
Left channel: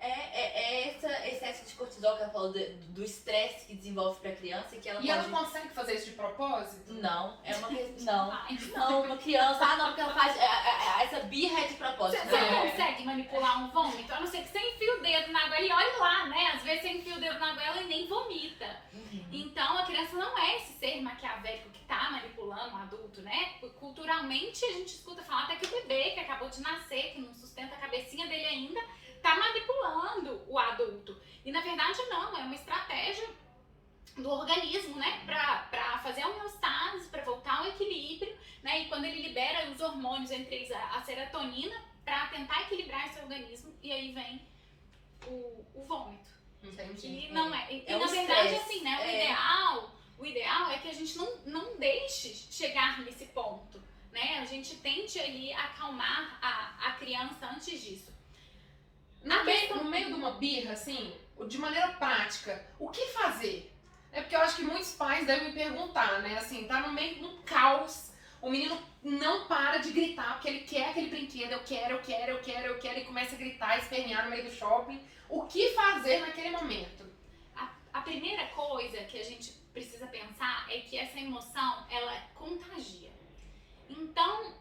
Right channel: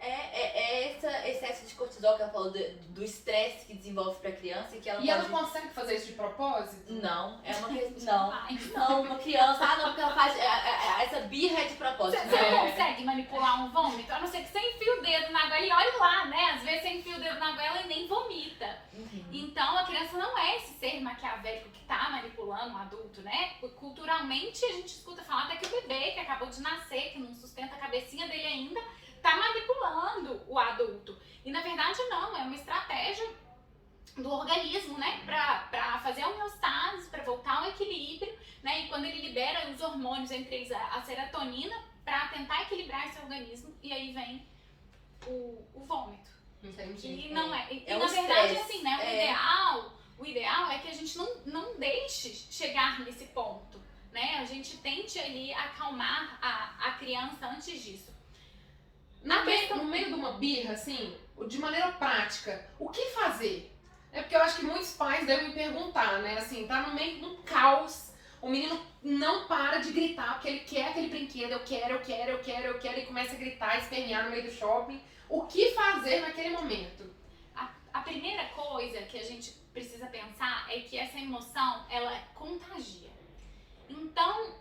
Esse excesso de cortisol que ela falou do estresse que desenvolve pra criança e que ela ela consegue fazer isso de propósito? Não, é uma questão. Não, uma criança, não, porque ela faz. Essa birra é de propósito. Você consegue manipular um vômito? A não ser que você enfie o dedo na goela e olhe lá, né? Às vezes você enfia o dedo na goela e nem vomita. Então a criança não é esse ser maquiavélico que tá manipulando o adulto, né? Culturalmente a gente escuta falar até que o bebê que acabou de nascer, que não sustenta a cabecinha dele ainda, tá manipulando o adulto. E na verdade não, é uma estratégia do organismo, né? Pra fazer a homeostase, pra voltar ao equilíbrio, né? E quando ele libera os hormônios, entre eles a serotonina, pra tentar equilibrar esse organismo, e aí vem o vômito. Entendi. E não é. E É na o verdade, stress. assim, né? O ideal é que a gente não deixe chegar nesse ponto, né? A gente tente ali acalmar a criança antes disso. No meio de uma birra, assim, de maneira prática, o que fazer? É porque eu acho que muitos pais devem me perguntar, né? Assim, tá no meio de um caos, o menino não para de gritar porque ele quer aquele brinquedo, eu quero, e começa a gritar, espernear no meio do shopping. O que fazer naquele momento? A primeira coisa que a gente precisa pensar é que essa emoção, ela contagia. Então,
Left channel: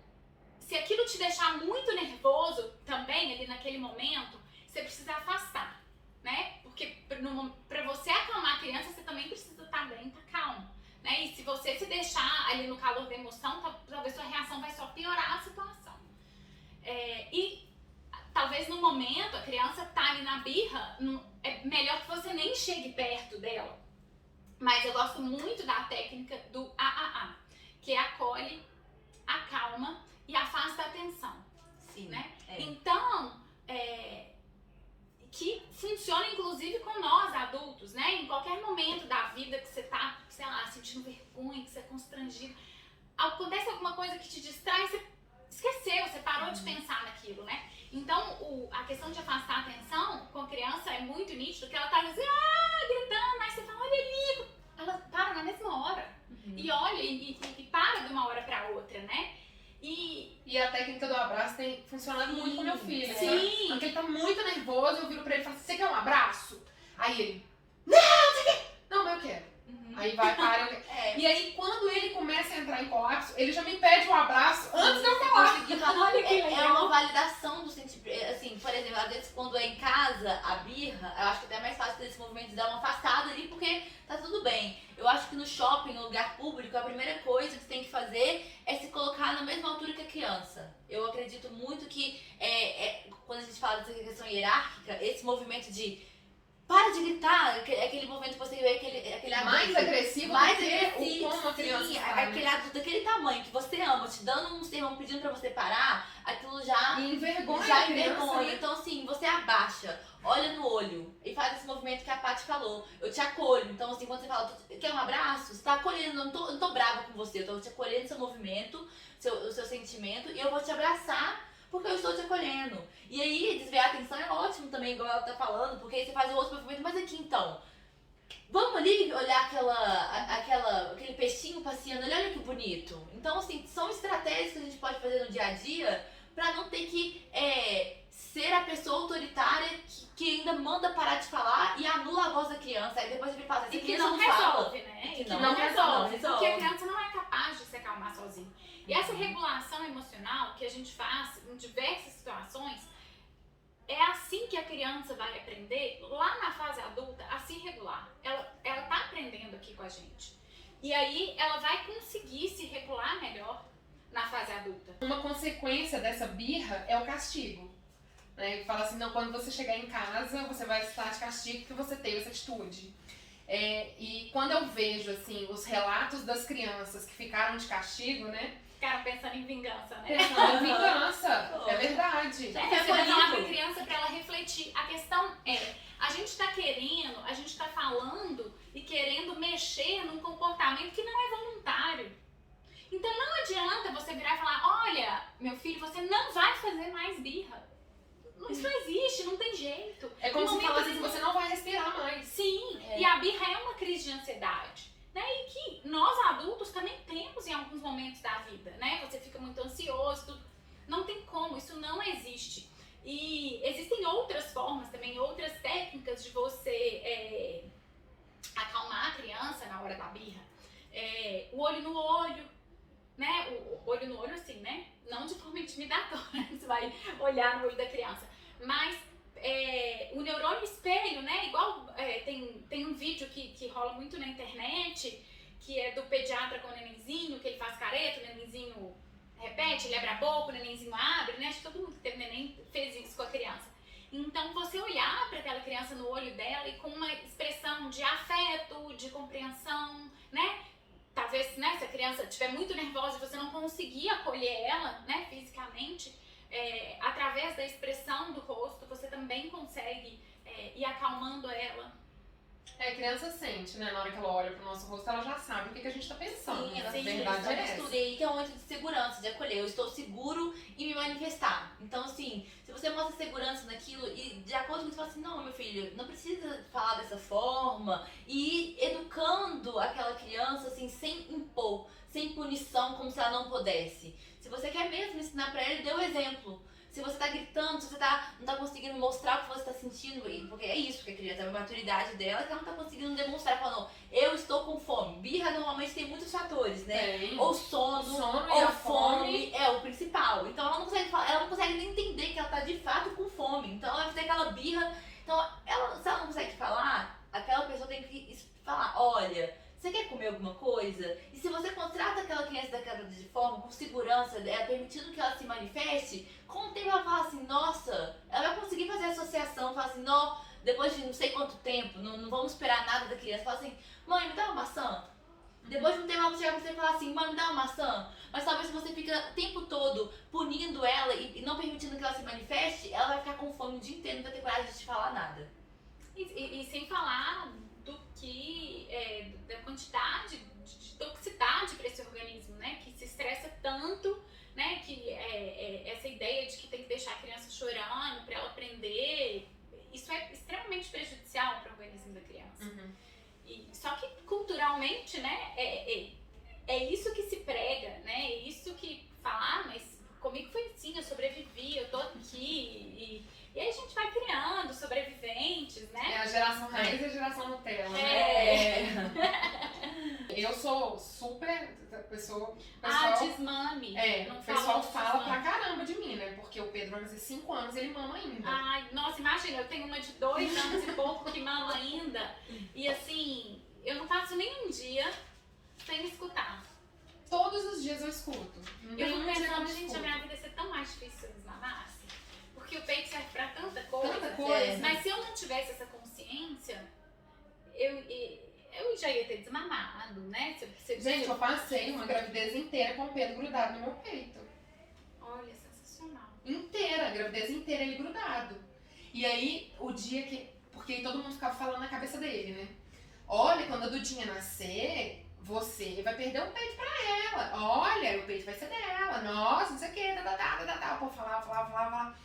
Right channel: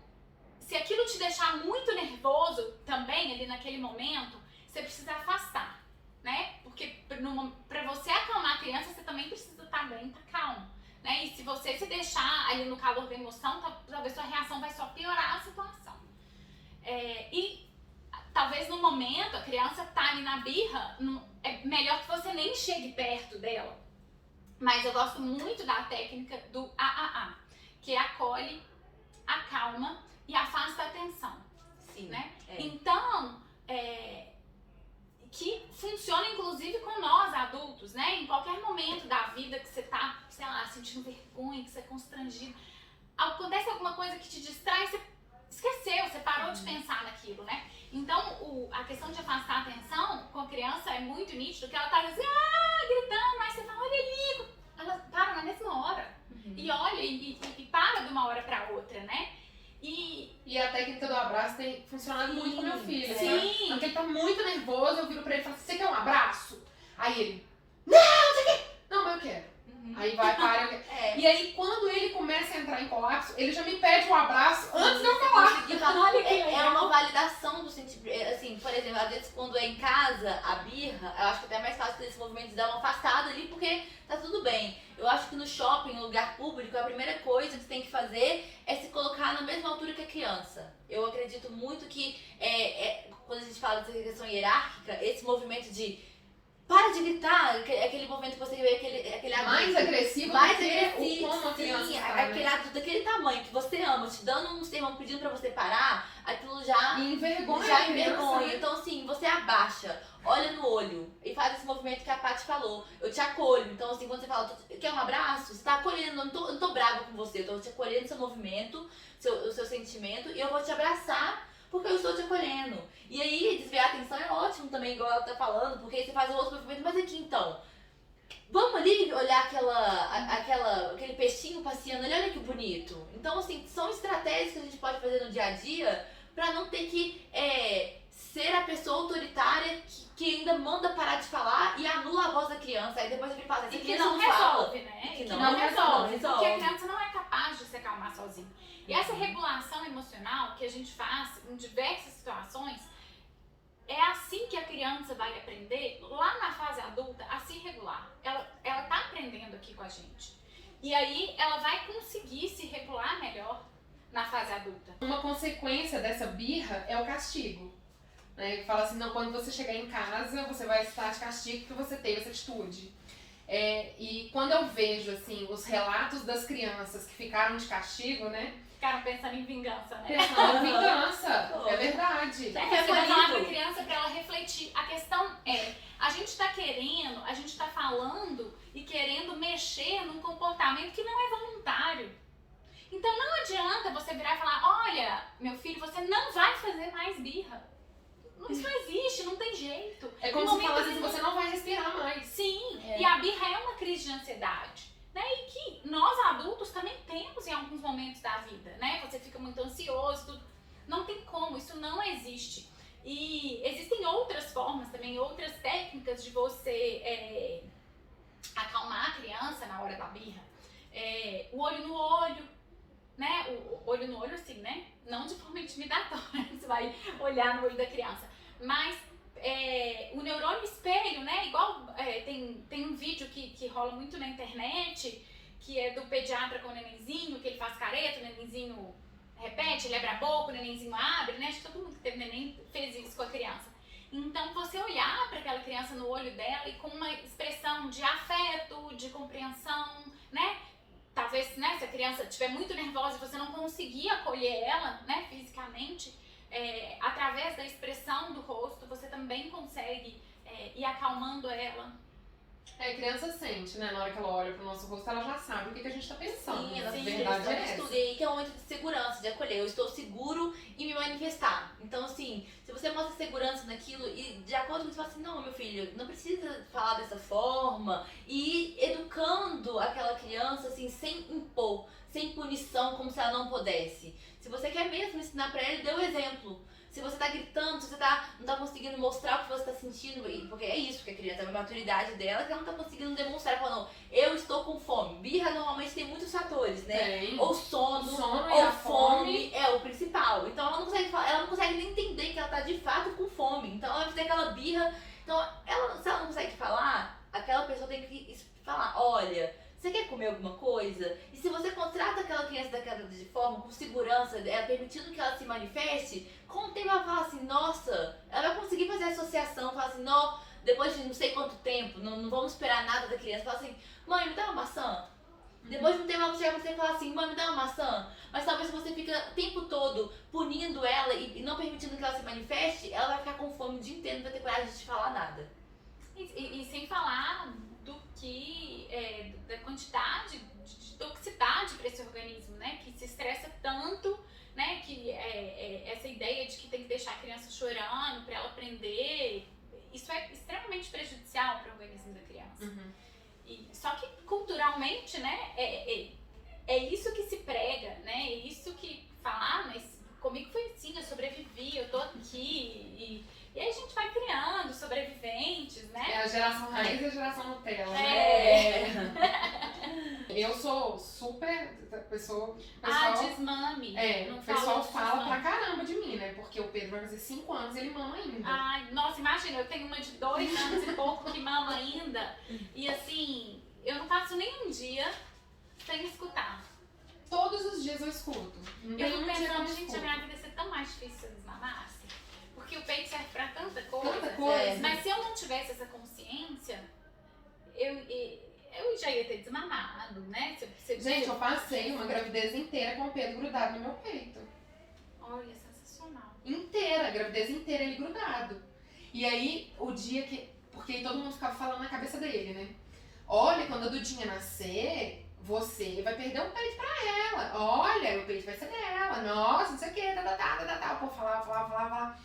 se aquilo te deixar muito nervoso também ali naquele momento, você precisa afastar, né? Porque pra você acalmar a criança, você também precisa estar bem, estar calmo, né? E se você se deixar ali no calor da emoção, talvez sua reação vai só piorar a situação. E talvez no momento a criança tá ali na birra, é melhor que você nem chegue perto dela. Mas eu gosto muito da técnica do AAA, que é acolhe, acalma e afasta a atenção. Sim, né? é. Então, que funciona inclusive com nós adultos, né? Em qualquer momento da vida que você tá, sei lá, sentindo vergonha, que você é constrangido, acontece alguma coisa que te distrai, você esqueceu, você parou de pensar naquilo, né? Então, a questão de afastar a atenção com a criança é muito nítido, que ela tá assim, gritando, mas você fala, olha ali, ela para na mesma hora, e olha, e para de uma hora pra outra, né? E a técnica do abraço tem funcionado muito com meu filho. Sim. Né? Porque ele tá muito nervoso, eu viro pra ele e falo, você quer um abraço? Aí ele, não, você quer? Não, mas eu quero. Aí vai, para, eu quero. E aí, quando ele começa a entrar em colapso, ele já me pede um abraço antes de eu falar. Olha que É legal. uma validação do sentimento. Assim, por exemplo, às vezes quando é em casa, a birra, eu acho que até é mais fácil desse movimento de dar uma afastada ali, porque tá tudo bem. Eu acho que no shopping, no lugar público, a primeira coisa que você tem que fazer é se colocar na mesma altura que a criança. Eu acredito muito que quando a gente fala dessa questão hierárquica, esse movimento de para de gritar, aquele movimento que você vê, aquele Mais adulto, agressivo mais do que agressivo, como a criança sim, está, aquele né? adulto daquele tamanho que você ama, te dando um sermão pedindo pra você parar, aquilo já E envergonha já a criança, envergonha. né? Então assim, você abaixa, olha no olho e faz esse movimento que a Paty falou. Eu te acolho. Então assim, quando você fala, quer um abraço? Você tá acolhendo, eu não tô brava com você, eu tô te acolhendo seu movimento, o seu sentimento, e eu vou te abraçar porque eu estou te acolhendo. E aí, desviar a atenção é ótimo também, igual ela tá falando, porque aí você faz o outro movimento, mas aqui então, vamos ali olhar aquele peixinho passeando ali, olha que bonito. Então, assim, são estratégias que a gente pode fazer no dia a dia pra não ter que ser a pessoa autoritária que ainda manda parar de falar e anula a voz da criança. Aí depois ele fala assim, E que não resolve, né? E que não resolve, porque a criança não é capaz de se acalmar sozinha. E essa regulação emocional que a gente faz em diversas situações, é assim que a criança vai aprender, lá na fase adulta, a se regular. Ela tá aprendendo aqui com a gente. E aí ela vai conseguir se regular melhor na fase adulta. Uma consequência dessa birra é o castigo. Né? Fala assim, não, quando você chegar em casa, você vai estar de castigo porque você teve essa atitude. E quando eu vejo assim, os relatos das crianças que ficaram de castigo, né? Ficaram pensando em vingança, né? Pensando em vingança, é verdade. Você vai falar pra criança pra ela refletir. A questão é, a gente tá falando e querendo mexer num comportamento que não é voluntário. Então não adianta você virar e falar, olha, meu filho, você não vai fazer mais birra. Isso não existe, não tem jeito. É como se falasse assim, você não vai respirar mais. Sim, e a birra é uma crise de ansiedade. Né? E que nós adultos também temos em alguns momentos da vida, né? Você fica muito ansioso, tudo. Não tem como, isso não existe. E existem outras formas também, outras técnicas de você acalmar a criança na hora da birra. O olho no olho, né? O olho no olho assim, né? Não de forma intimidatória, você vai olhar no olho da criança. Mas o neurônio espelho, né? Igual tem um vídeo que rola muito na internet, que é do pediatra com o nenenzinho, que ele faz careta, o nenenzinho repete, ele abre a boca, o nenenzinho abre, né? Acho que todo mundo que teve neném fez isso com a criança. Então, você olhar para aquela criança no olho dela e com uma expressão de afeto, de compreensão, né? Talvez, né, se a criança estiver muito nervosa e você não conseguir acolher ela, né, fisicamente, através da expressão do rosto, você também consegue ir acalmando ela. A criança sente, né? Na hora que ela olha pro nosso rosto, ela já sabe o que a gente tá pensando. Sim, A sim, verdade é essa. estudei que é um momento de segurança, de acolher. Eu estou seguro em me manifestar. Então, assim, se você mostra segurança naquilo e de acordo com isso, você fala assim, não, meu filho, não precisa falar dessa forma. E ir educando aquela criança, assim, sem impor, sem punição, como se ela não pudesse. Se você quer mesmo ensinar pra ele, dê o exemplo. Se você tá gritando, se você não tá conseguindo mostrar o que você tá sentindo, porque é isso que a criança, é a maturidade dela, que ela não tá conseguindo demonstrar, falando, eu estou com fome. Birra normalmente tem muitos fatores, né? Tem. Ou sono, e ou a fome é o principal. Então ela não consegue falar, ela não consegue nem entender que ela tá de fato com fome. Então ela vai fazer aquela birra. Então, se ela não consegue falar, aquela pessoa tem que falar, olha, você quer comer alguma coisa? E se você contrata aquela criança daquela de forma, com segurança, permitindo que ela se manifeste, com o tempo ela fala assim, nossa, ela assim, não, depois de não sei quanto tempo, não vamos esperar nada da criança, fala assim, mãe, me dá uma maçã. Depois de um tempo você vai falar assim, mãe, me dá uma maçã. Mas talvez você fica o tempo todo punindo ela e não permitindo que ela se manifeste, ela vai ficar com fome o dia inteiro, não vai ter coragem de te falar nada. E sem falar do que, da quantidade de toxicidade para esse organismo, né? Que se estressa tanto, né? Que essa ideia de que tem que deixar a criança chorando para ela aprender, isso é extremamente prejudicial para o organismo da criança. Só que culturalmente, né? É isso que se prega, né? É isso que fala, mas comigo foi assim, eu sobrevivi, eu tô aqui. E aí a gente vai criando sobreviventes, né? É a geração raiz e a geração Nutella, né? Eu sou super pessoa. Desmame. O pessoal fala pra caramba de mim, né? Porque o Pedro vai fazer 5 anos e ele mama ainda. Ai, nossa, imagina, eu tenho uma de 2 anos e pouco que mama ainda. E assim, eu não passo nem um dia sem escutar. Todos os dias eu escuto. Eu fico pensando, gente, a minha vida ia ser tão mais difícil se eu desmamasse. Porque o peito serve pra tanta coisa. Tanta coisa. Mas se eu não tivesse essa consciência, eu já ia ter desmamado, né? Gente, eu passei uma gravidez inteira com o Pedro grudado no meu peito. Olha, sensacional. Inteira, a gravidez inteira ele grudado. E aí, o dia que... Porque aí todo mundo ficava falando na cabeça dele, né? Olha, quando a Dudinha nascer, você vai perder o peito pra ela. Olha, o peito vai ser dela. Nossa, não sei o que, O povo falava.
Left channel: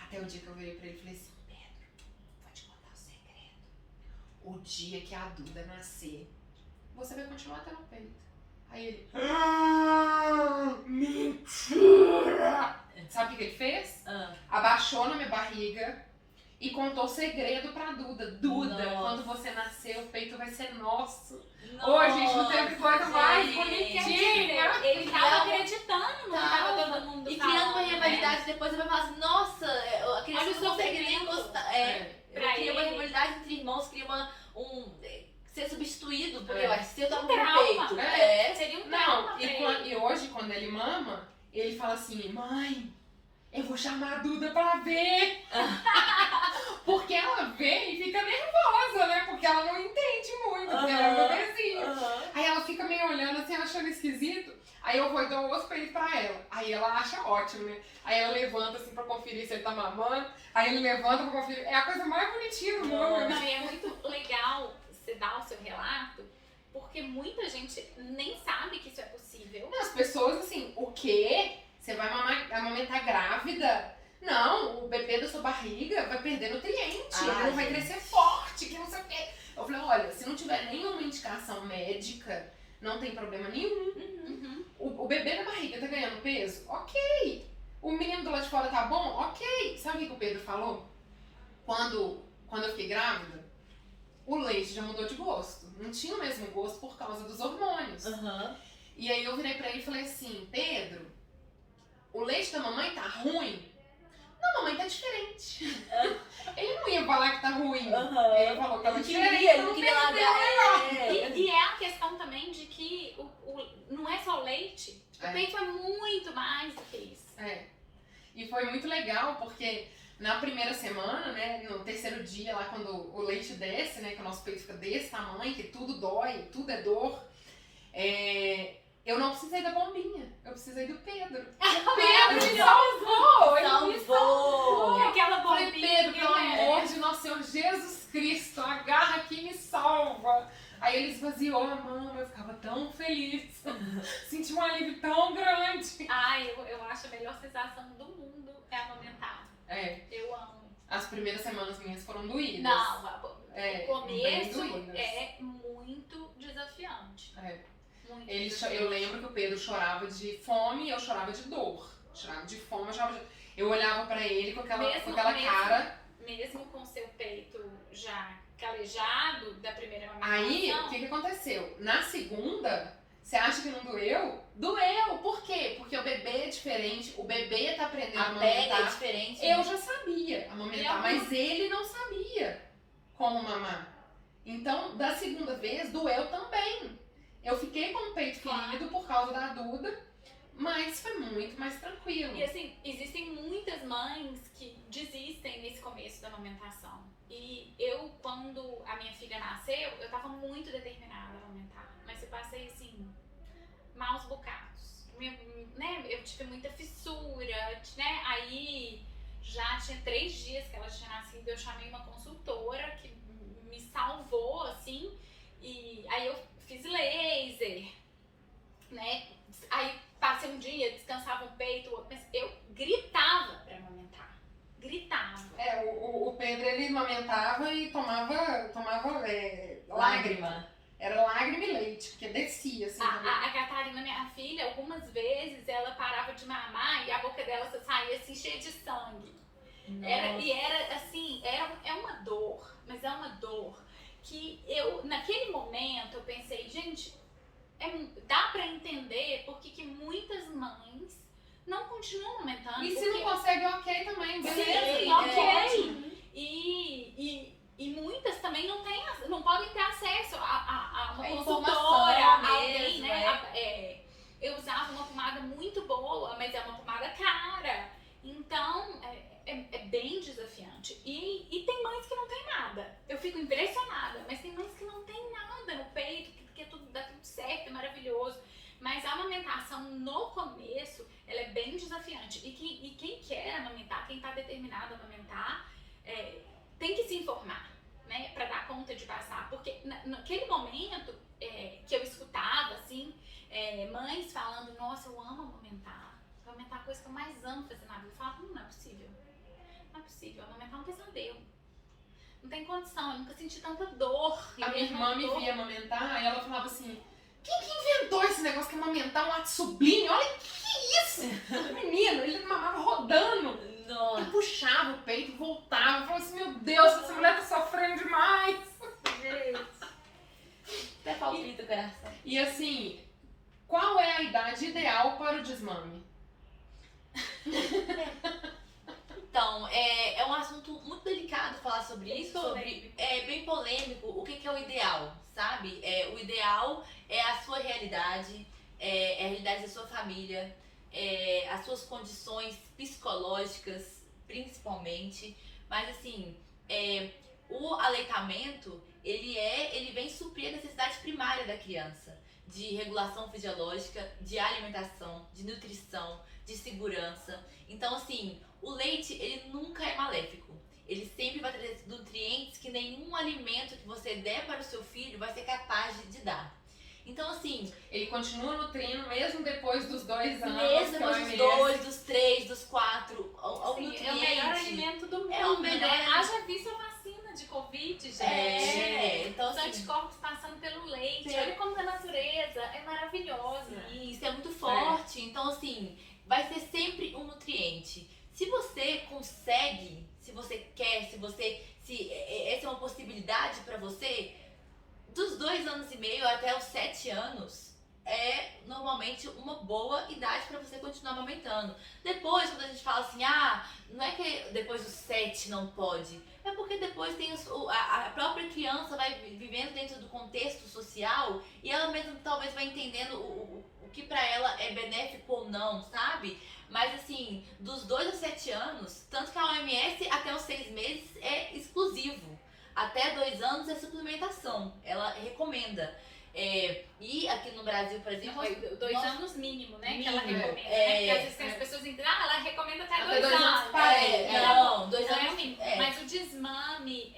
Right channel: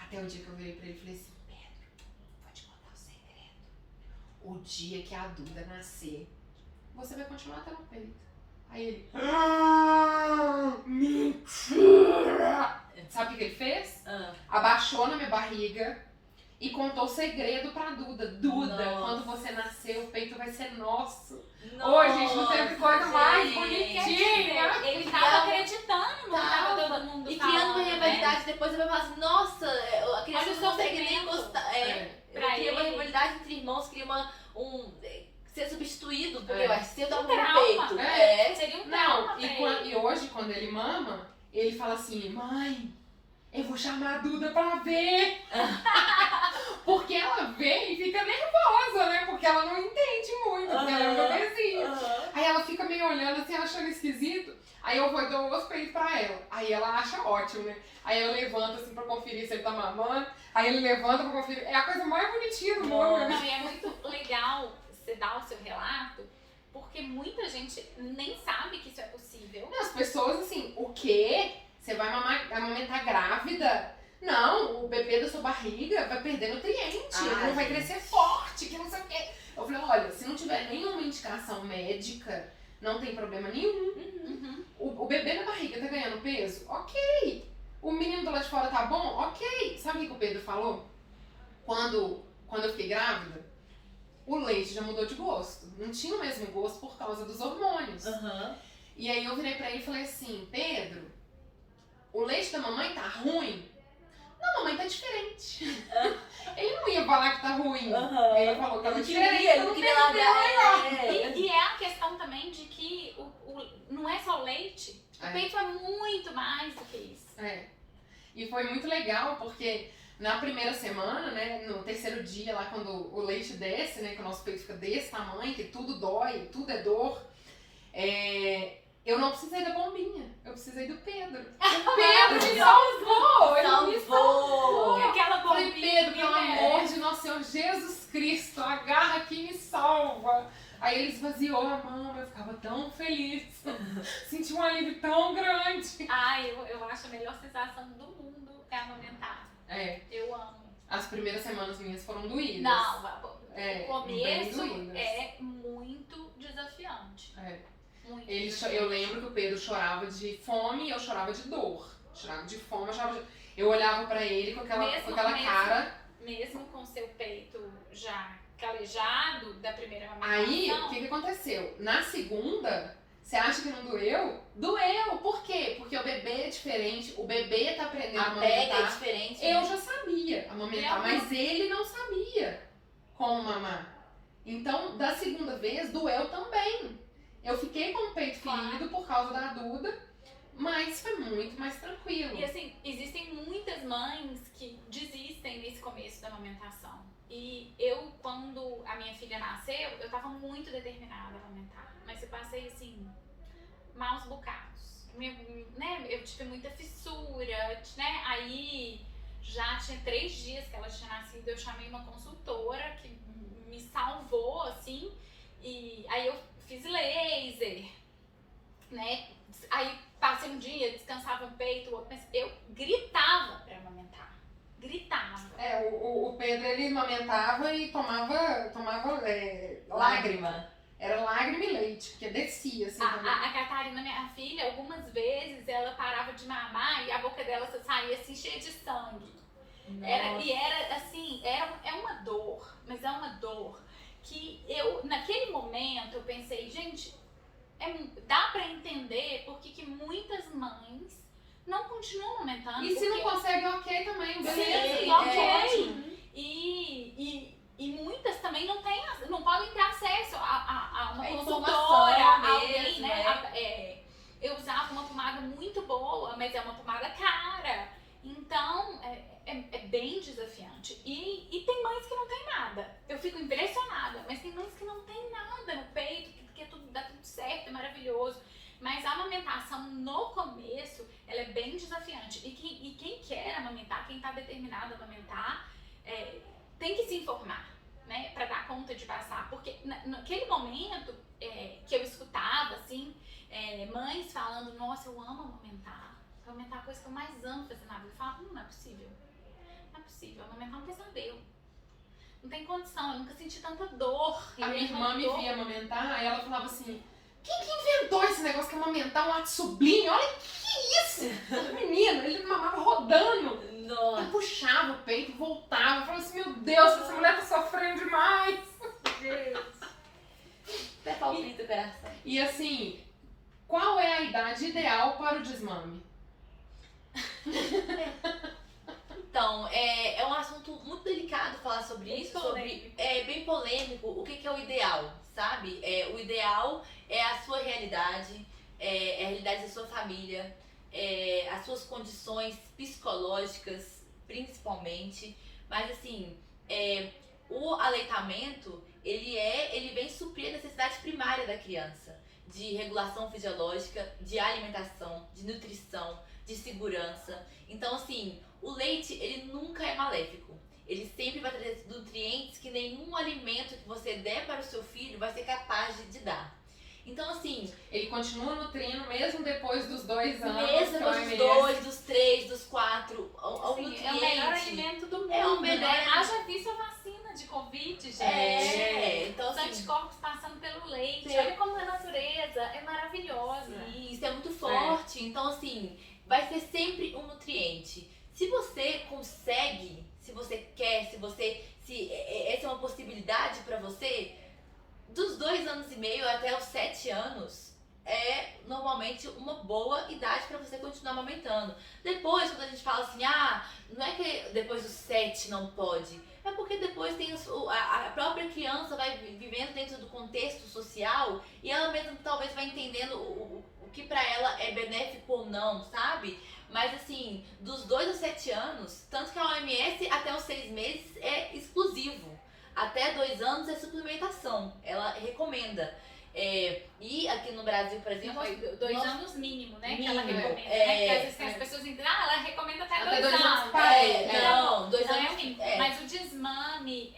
Até o dia que eu virei pra ele e falei assim, Pedro, vou te contar um segredo. O dia que a Duda nascer, você vai continuar tendo peito. Aí ele, mentira! Sabe o que ele fez? Abaixou na minha barriga e contou o segredo pra Duda. Duda, quando você nascer, o peito vai ser nosso. Ô, gente, não teve coisa mais bonitinha. Ele tava acreditando, não tava todo mundo e falando, criando uma rivalidade, depois ele vai falar assim, nossa, a criança não conseguiria gostar. Cria uma rivalidade entre irmãos, cria ser substituído, porque vai ser do peito. Seria um trauma. E hoje, quando ele mama, ele fala assim, mãe, eu vou chamar a Duda pra ver. Porque ela vê e fica nervosa, né? Porque ela não entende muito, porque ela é meu bebezinho. Aí ela fica meio olhando assim, achando esquisito. Aí eu vou e dou os peitos pra ela. Aí ela acha ótimo, né? Aí ela levanta assim pra conferir se ele tá mamando. Aí ele levanta pra conferir. É a coisa mais bonitinha do mundo. Não, e é muito legal você dar o seu relato, porque muita gente nem sabe que isso é possível. As pessoas assim, o quê? Você vai amamentar grávida? Não, o bebê da sua barriga vai perder nutriente, ele não vai crescer forte, que não sei o quê. Eu falei, olha, se não tiver nenhuma indicação médica, não tem problema nenhum. O bebê na barriga tá ganhando peso? Ok. O menino do lado de fora tá bom? Ok. Sabe o que o Pedro falou? Quando eu fiquei grávida, o leite já mudou de gosto. Não tinha o mesmo gosto por causa dos hormônios. E aí eu virei pra ele e falei assim, Pedro, o leite da mamãe tá ruim? Não, mamãe tá diferente. Ele não ia falar que tá ruim. Ele falou que tava diferente. Ele não queria largar. E é a questão também de que não é só o leite. O peito é muito mais do que isso. E foi muito legal porque na primeira semana, né, no terceiro dia lá quando o leite desce, né, que o nosso peito fica desse tamanho, que tudo dói, tudo é dor, eu não precisei da bombinha, eu precisei do Pedro. O Pedro me salvou! Ele me salvou! Aquela Falei, bombinha. Pedro, pelo amor de nosso Senhor Jesus Cristo, agarra que me salva! Aí ele esvaziou a mama, eu ficava tão feliz. Senti um alívio tão grande. Eu acho a melhor sensação do mundo é amamentar. Eu amo. As primeiras semanas minhas foram doídas. Não, o começo bem é muito desafiante. Muito Eu lembro que o Pedro chorava de fome e eu chorava de dor. Chorava de fome, eu chorava de... Eu olhava pra ele com aquela cara... Mesmo com seu peito já calejado da primeira amamentação. Aí, o que aconteceu? Na segunda, você acha que não doeu? Doeu! Por quê? Porque o bebê é diferente, o bebê tá aprendendo a amamentar. É diferente. Eu já sabia amamentar, mas ele não sabia como mamar. Então, da segunda vez, doeu também. Eu fiquei com o peito ferido por causa da Duda, mas foi muito mais tranquilo. E assim, existem muitas mães que desistem nesse começo da amamentação. E eu, quando a minha filha nasceu, eu tava muito determinada a amamentar. Mas eu passei, assim, maus bocados. Né, eu tive muita fissura, né? Aí já tinha 3 dias que ela tinha nascido, eu chamei uma consultora que me salvou, assim. E aí eu fiz laser, né? Aí passei um dia, descansava um peito, mas eu gritava pra amamentar. Gritava. O Pedro, ele amamentava e tomava lágrima. Era lágrima e leite, porque descia, assim. A Catarina, minha filha, algumas vezes ela parava de mamar e a boca dela saía assim, cheia de sangue. Era assim, é uma dor, mas é uma dor que eu, naquele momento, eu pensei, gente, dá pra entender porque que muitas mães não continuam amamentando. E se não consegue, ok também, beleza. Sim, ok. E muitas também não podem ter acesso a uma consultora, a alguém, mesmo, né? Eu usava uma pomada muito boa, mas é uma pomada cara. Então, é bem desafiante. E tem mães que não tem nada. Eu fico impressionada, mas tem mães que não tem nada no peito, porque dá tudo certo, é maravilhoso. Mas a amamentação, no começo, ela é bem desafiante. E quem quer amamentar, quem está determinado a amamentar, tem que se informar, né, para dar conta de passar, porque naquele momento que eu escutava, assim, mães falando, nossa, eu amo amamentar é a coisa que eu mais amo fazer na vida. Eu falava, não é possível, amamentar é um pesadelo, não tem condição, eu nunca senti tanta dor. A minha irmã me via amamentar e ela falava assim, quem que inventou esse negócio que é amamentar um ato sublime? Olha que isso! Menino, ele mamava rodando. Nossa. Eu puxava o peito e voltava. Eu falava assim, meu Deus, essa mulher tá sofrendo demais. Gente. Até palpita o coração. E assim, qual é a idade ideal para o desmame? Então, é um assunto muito delicado falar sobre isso. É bem polêmico. O que é o ideal, sabe? O ideal é a sua realidade, é a realidade da sua família, as suas condições psicológicas, principalmente. Mas assim, o aleitamento, ele vem suprir a necessidade primária da criança, de regulação fisiológica, de alimentação, de nutrição, de segurança. Então assim, o leite, ele nunca é maléfico. Ele sempre vai trazer nutrientes que nenhum alimento que você der para o seu filho vai ser capaz de dar. Então assim, ele continua nutrindo mesmo depois dos 2 anos. Mesmo depois dos 2, dos 3, dos 4, Sim, nutriente. É o melhor alimento do mundo. É o melhor. Né? Haja visto a vacina de Covid, gente. Então, os anticorpos passando pelo leite. Olha como a natureza é maravilhosa. Isso é muito forte. Então assim, vai ser sempre um nutriente. Se você consegue, se você quer, se essa é uma possibilidade para você, dos 2 anos e meio até os 7 anos é normalmente uma boa idade para você continuar amamentando. Depois, quando a gente fala assim, não é que depois dos 7 não pode, é porque depois tem a própria criança vai vivendo dentro do contexto social e ela mesma talvez vai entendendo o que para ela é benéfico ou não, sabe? Mas assim, dos 2 aos 7 anos, tanto que a OMS até os 6 meses é exclusivo. Até 2 anos é suplementação, ela recomenda. E aqui no Brasil, por exemplo... 2 anos mínimo, né? Mínimo, que ela recomenda, né? Porque às vezes as pessoas entendem, ela recomenda até 2 anos. Não, 2 não anos é o mínimo. Mas o desmame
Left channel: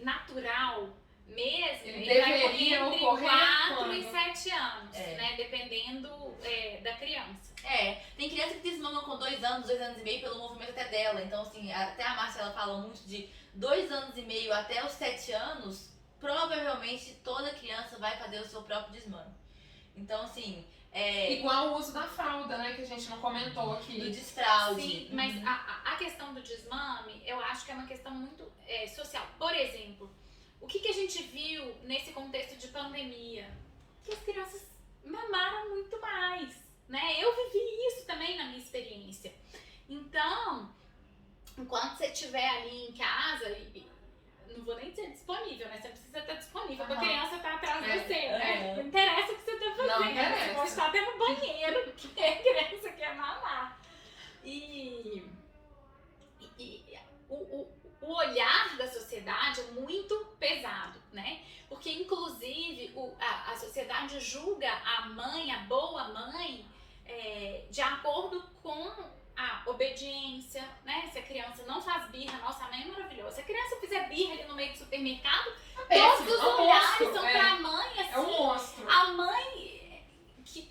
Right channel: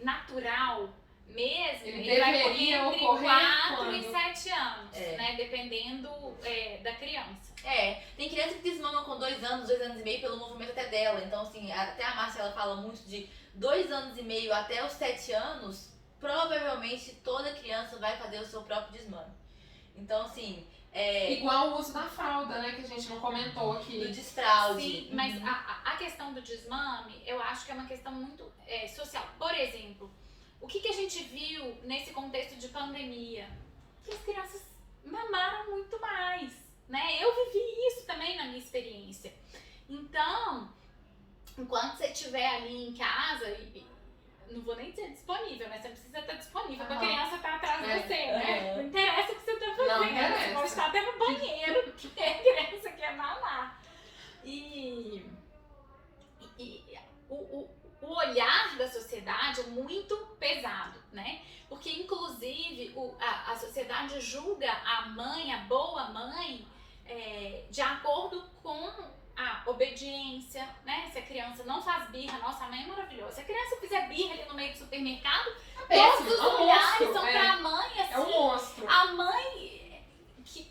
natural mesmo, ele vai ocorrer entre ocorrer 4 e 7 anos, né? Dependendo da criança. Tem criança que desmama com 2 anos, 2 anos e meio pelo movimento até dela. Então, assim, até a Márcia, ela fala muito de 2 anos e meio até os 7 anos, provavelmente toda criança vai fazer o seu próprio desmame. Então, assim... Igual o uso da fralda, né? Que a gente não comentou aqui. Do desfraude. Sim, mas a questão do desmame, eu acho que é uma questão muito social. Por exemplo, o que a gente viu nesse contexto de pandemia? Que as crianças mamaram muito mais, né? Eu vivi isso também na minha experiência. Então, enquanto você estiver ali em casa, não vou nem dizer disponível, né? Você precisa estar disponível pra criança estar atrás de você, né? Não interessa o que você tá fazendo. Não interessa. Você pode estar até no banheiro, porque a criança quer mamar. E o olhar da sociedade é muito pesado, né? Porque, inclusive, a sociedade julga a mãe, a boa mãe, de acordo com a obediência, né? Se a criança não faz birra, nossa, a mãe é maravilhosa. Se a criança fizer birra ali no meio do supermercado, todos os olhares são pra mãe, assim. É um monstro. A mãe...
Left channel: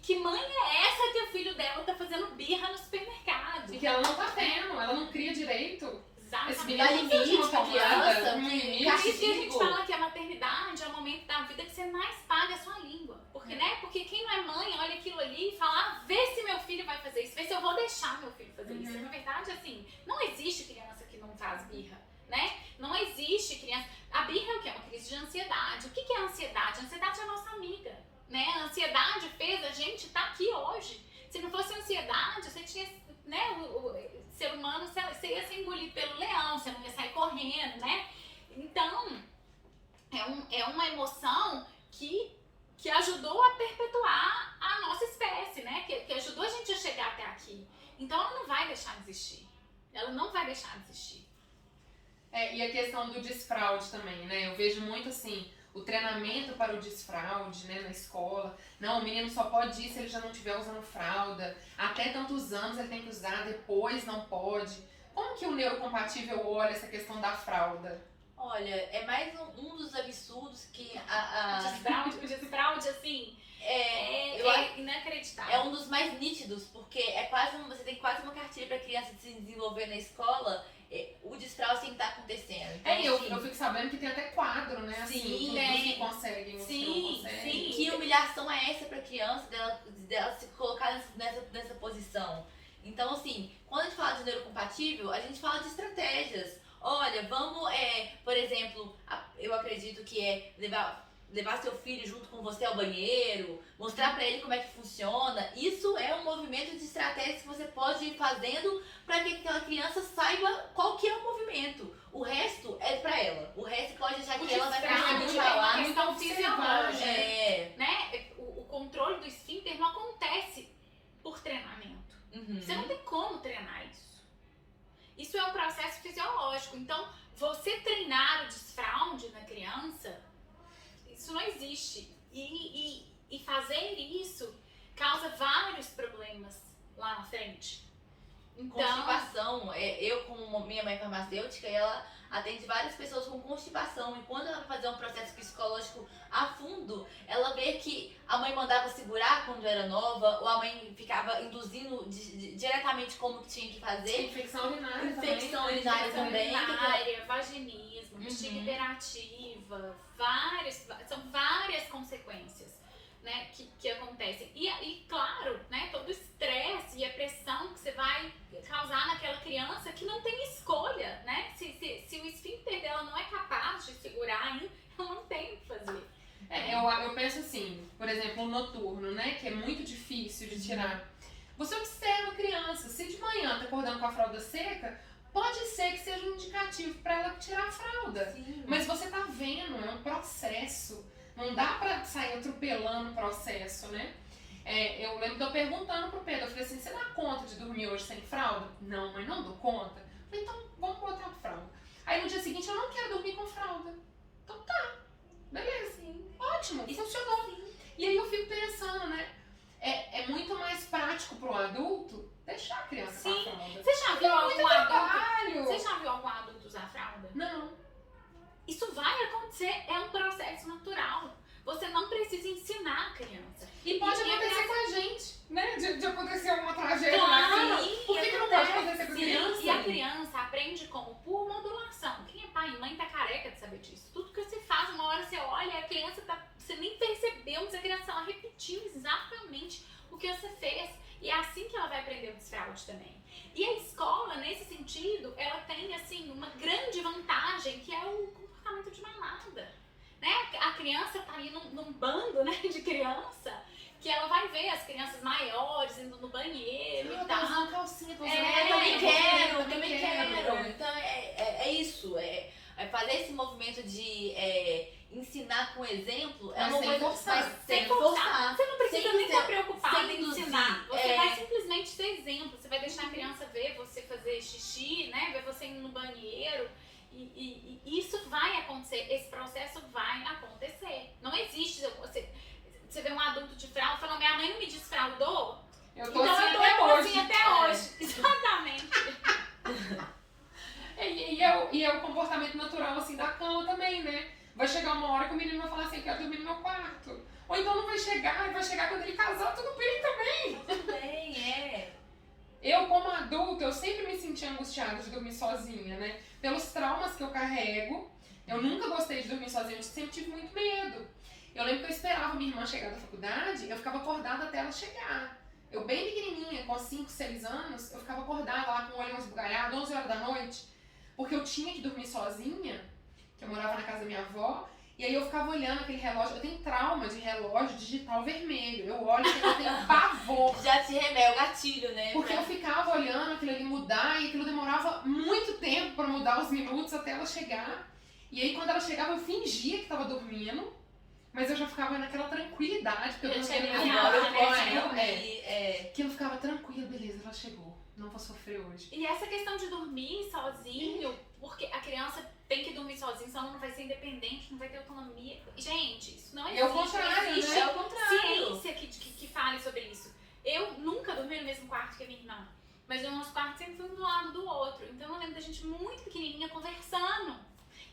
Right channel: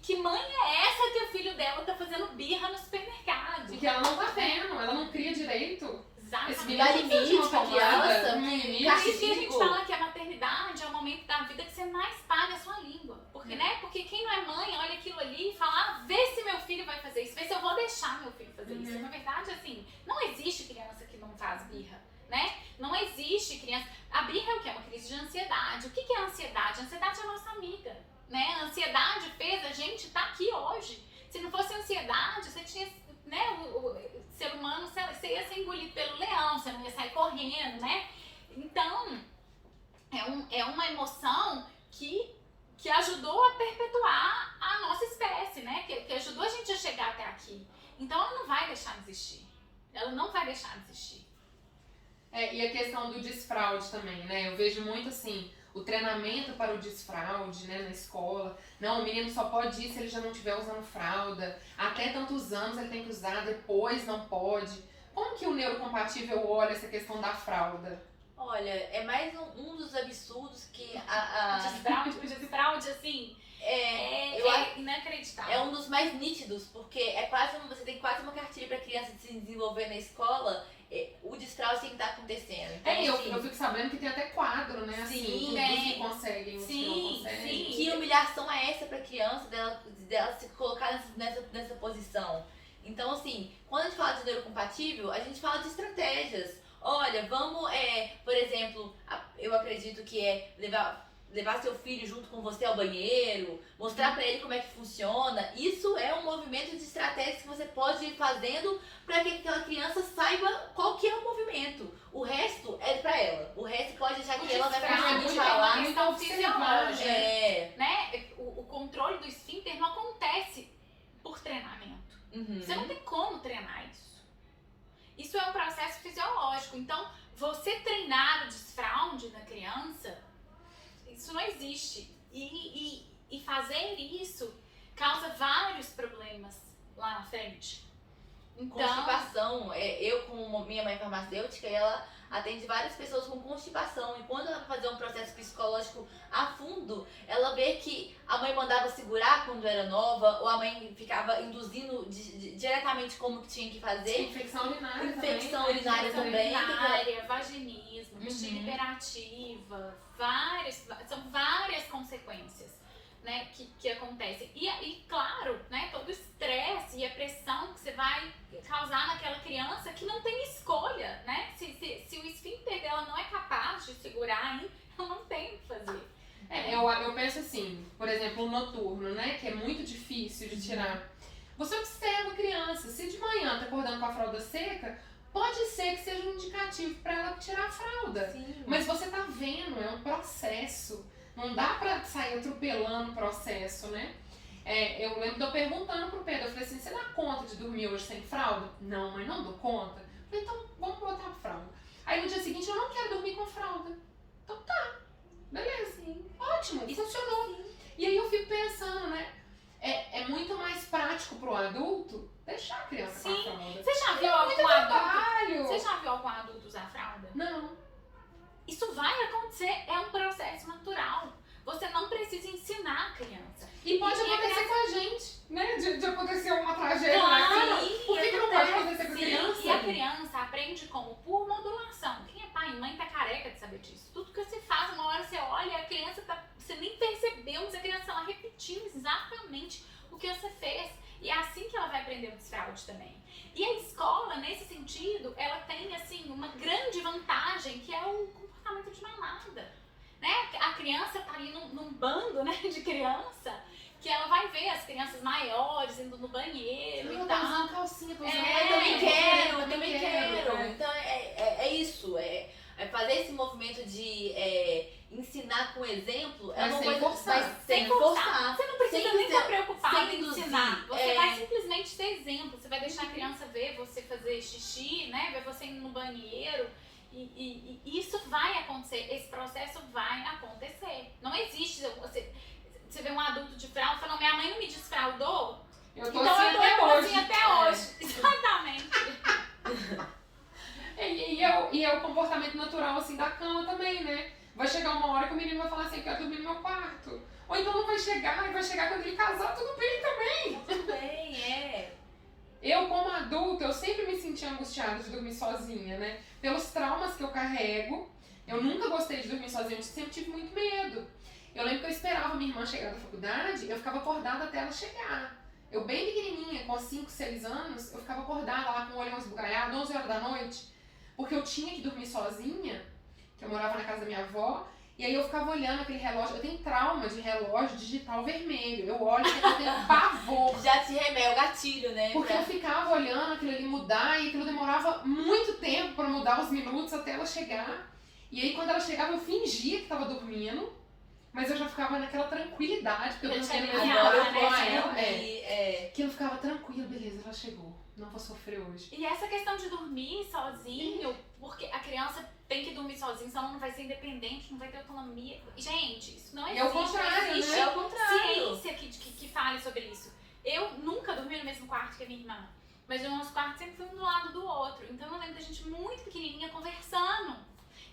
Que mãe é essa que o filho dela tá fazendo birra no supermercado? E que ela não tá vendo, ela não cria direito. Exatamente. Dá limite pra criança, limite. Por isso que a gente fala que a maternidade é o momento da vida que você mais paga a sua língua. Porque, né? Porque quem não é mãe olha aquilo ali e fala, vê se meu filho vai fazer isso, vê se eu vou deixar meu filho fazer isso. Na verdade, assim, não existe criança que não faz birra, né? Não existe criança... A birra é o quê? É uma crise de ansiedade. O que é a ansiedade? A ansiedade é a nossa amiga, né? A ansiedade fez a gente estar aqui hoje. Se não fosse ansiedade, você tinha... Né, o ser humano, você ia ser engolido pelo leão, você não ia sair correndo, né? Então, é uma emoção que ajudou a perpetuar a nossa espécie, né? Que ajudou a gente a chegar até aqui. Então, ela não vai deixar de existir. Ela não vai deixar de existir. E a questão do desfraude também, né? Eu vejo muito assim, o treinamento para o desfraude, né, na escola. Não, o menino só pode ir se ele já não estiver usando fralda. Até tantos anos ele tem que usar, depois não pode. Como que o neurocompatível olha essa questão da fralda? Olha, é mais um dos absurdos que O desfraude, assim, é inacreditável. é um dos mais nítidos, porque você tem quase uma cartilha para criança se desenvolver na escola. O desfraude tem que estar acontecendo. Então, eu fico sabendo que tem até quadro, né? Assim, Sim, dos que conseguem, os que não conseguem. Que humilhação é essa pra criança dela se colocar nessa posição? Então, assim, quando a gente fala de neurocompatível, a gente fala de estratégias. Olha, vamos, por exemplo, eu acredito que levar seu filho junto com você ao banheiro, mostrar pra ele como é que funciona. Isso é um movimento de estratégias que você pode ir fazendo para que aquela criança saiba qual que é o movimento. O resto é pra ela. O resto pode deixar que ela vai conseguir falar. É uma questão fisiológica, É. né? O controle do esfíncter não acontece por treinamento. Você não tem como treinar isso. Isso é um processo fisiológico. Então, você treinar o desfraude na criança, isso não existe. E fazer isso causa vários problemas lá na frente. Então, constipação. Eu, como minha mãe farmacêutica, ela atende várias pessoas com constipação. E quando ela vai fazer um processo psicológico a fundo, ela vê que a mãe mandava segurar quando era nova, ou a mãe ficava induzindo diretamente como que tinha que fazer. Infecção urinária Infecção também. urinária também. vaginismo, bexiga hiperativa, são várias consequências, né, que acontecem. E claro, né, todo o estresse e a pressão que você vai causar naquela criança que não tem escolha, né? Se o esfíncter dela não é capaz de segurar ainda, ela não tem o que fazer. Eu penso assim, por exemplo, o noturno, né, que é muito difícil de tirar. Você observa a criança, se de manhã tá acordando com a fralda seca, pode ser que seja um indicativo para ela tirar a fralda. Sim. Mas você tá vendo, é um processo. Não dá pra sair atropelando o processo, né? Eu lembro de eu perguntando pro Pedro, eu falei assim, você dá conta de dormir hoje sem fralda? Não, mas não dou conta. Eu falei, então vamos botar a fralda. Aí no dia seguinte eu não quero dormir com fralda. Então tá, beleza. Sim. Ótimo, funcionou. E aí eu fico pensando, né? É muito mais prático pro adulto deixar a criança com a fralda. Você já viu algum Trabalho. Você já viu algum adulto usar fralda? Não. Isso vai acontecer, é um processo natural. Você não precisa ensinar a criança. E pode acontecer com a gente, né? De acontecer uma tragédia. Claro, assim. Por que não pode acontecer com a criança? E a criança aprende como? Por modulação. Quem é pai e mãe tá careca de saber disso. Tudo que você faz, uma hora você olha, a criança você nem percebeu, mas a criança tá lá repetindo exatamente o que você fez. E é assim que ela vai aprender o desfraude também. E a escola, nesse sentido, ela tem, assim, uma grande vantagem, que é o comportamento de manada. Né? A criança tá ali num bando, né, de criança, que ela vai ver as crianças maiores indo no banheiro e tal. Usando calcinha, tô usando Eu também quero. Então é isso. É fazer esse movimento de ensinar com exemplo. É Mas uma sem coisa forçar. sem forçar. Você não precisa Sem nem estar ser- preocupado sem em induzir. ensinar. Você vai simplesmente ser exemplo. Você vai deixar a criança ver você fazer xixi, né? Ver você indo no banheiro E isso vai acontecer, esse processo vai acontecer. Não existe, você vê um adulto de fralda e fala, minha mãe não me desfraldou, Eu tô então assim eu tô até hoje. assim até hoje. Exatamente. E é o comportamento natural assim da cama também, né? Vai chegar uma hora que o menino vai falar assim, quero dormir no meu quarto. Ou então não vai chegar, e vai chegar quando ele casar, tudo bem também. Tudo bem, é. Eu, como adulta, eu sempre me senti angustiada de dormir sozinha, né? Pelos traumas que eu carrego, eu nunca gostei de dormir sozinha, eu sempre tive muito medo. Eu lembro que eu esperava minha irmã chegar da faculdade, eu ficava acordada até ela chegar. Eu bem pequenininha, com 5, 6 anos, eu ficava acordada lá com o olho esbugalhado, 11 horas da noite, porque eu tinha que dormir sozinha, que eu morava na casa da minha avó, e aí eu ficava olhando aquele relógio, eu tenho trauma de relógio digital vermelho, eu olho e eu tenho pavor. Já te remete o gatilho, né? Porque eu ficava olhando aquilo ali mudar e aquilo demorava muito tempo pra mudar os minutos até ela chegar. E aí quando ela chegava eu fingia que tava dormindo, mas eu já ficava naquela tranquilidade, porque eu não tinha Agora eu com posso ela. Que eu ficava tranquila, beleza, ela chegou, não vou sofrer hoje. E essa questão de dormir sozinho, porque a criança tem que dormir sozinha, senão ela não vai ser independente, não vai ter autonomia. Gente, isso não existe. É o contrário, não existe né? É o contrário. ciência que fale sobre isso. Eu nunca dormi no mesmo quarto que a minha irmã, mas os nossos quartos sempre foi um do lado do outro. Então eu lembro da gente muito pequenininha conversando.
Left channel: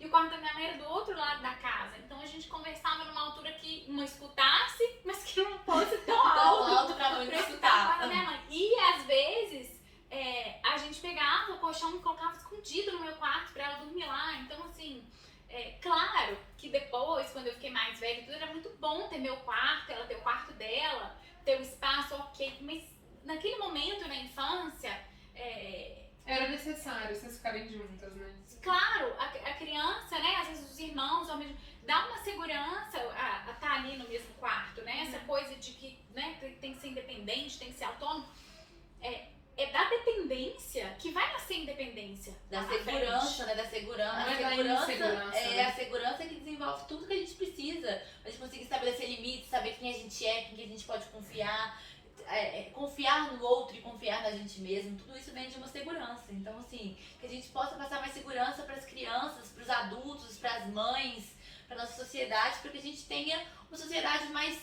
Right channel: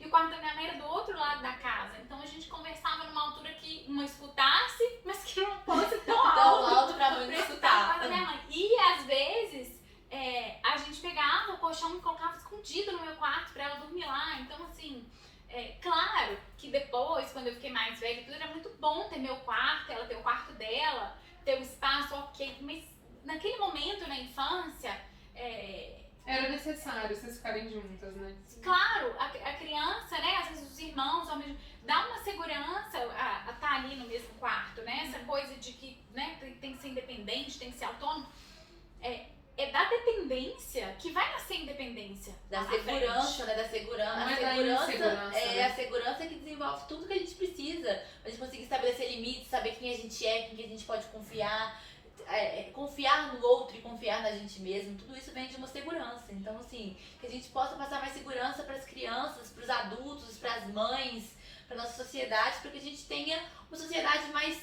E o quarto da minha mãe era do outro lado da casa. Então a gente conversava numa altura que uma escutasse, mas que não fosse tão alto pra não pra escutar o escutar. quarto da minha mãe. E às vezes a gente pegava o colchão e colocava escondido no meu quarto pra ela dormir lá. Então assim, claro que depois, quando eu fiquei mais velha, tudo era muito bom ter meu quarto, ela ter o quarto dela, ter o espaço, ok. Mas naquele momento, na infância, Era necessário vocês ficarem juntas, né? claro, a criança, né, às vezes os irmãos, dá uma segurança a estar ali no mesmo quarto, né? Essa coisa de que, né, tem que ser independente, tem que ser autônomo. É da dependência que vai nascer independência. Da lá na segurança, frente. né? Da segurança. Não A é da segurança insegurança, é né? a segurança que desenvolve tudo que a gente precisa. A gente conseguir estabelecer limites, saber quem a gente é, quem que a gente pode confiar. Confiar no outro e confiar na gente mesmo, tudo isso vem de uma segurança. Então, assim, que a gente possa passar mais segurança para as crianças, para os adultos, para as mães, para nossa sociedade, para que a gente tenha uma sociedade mais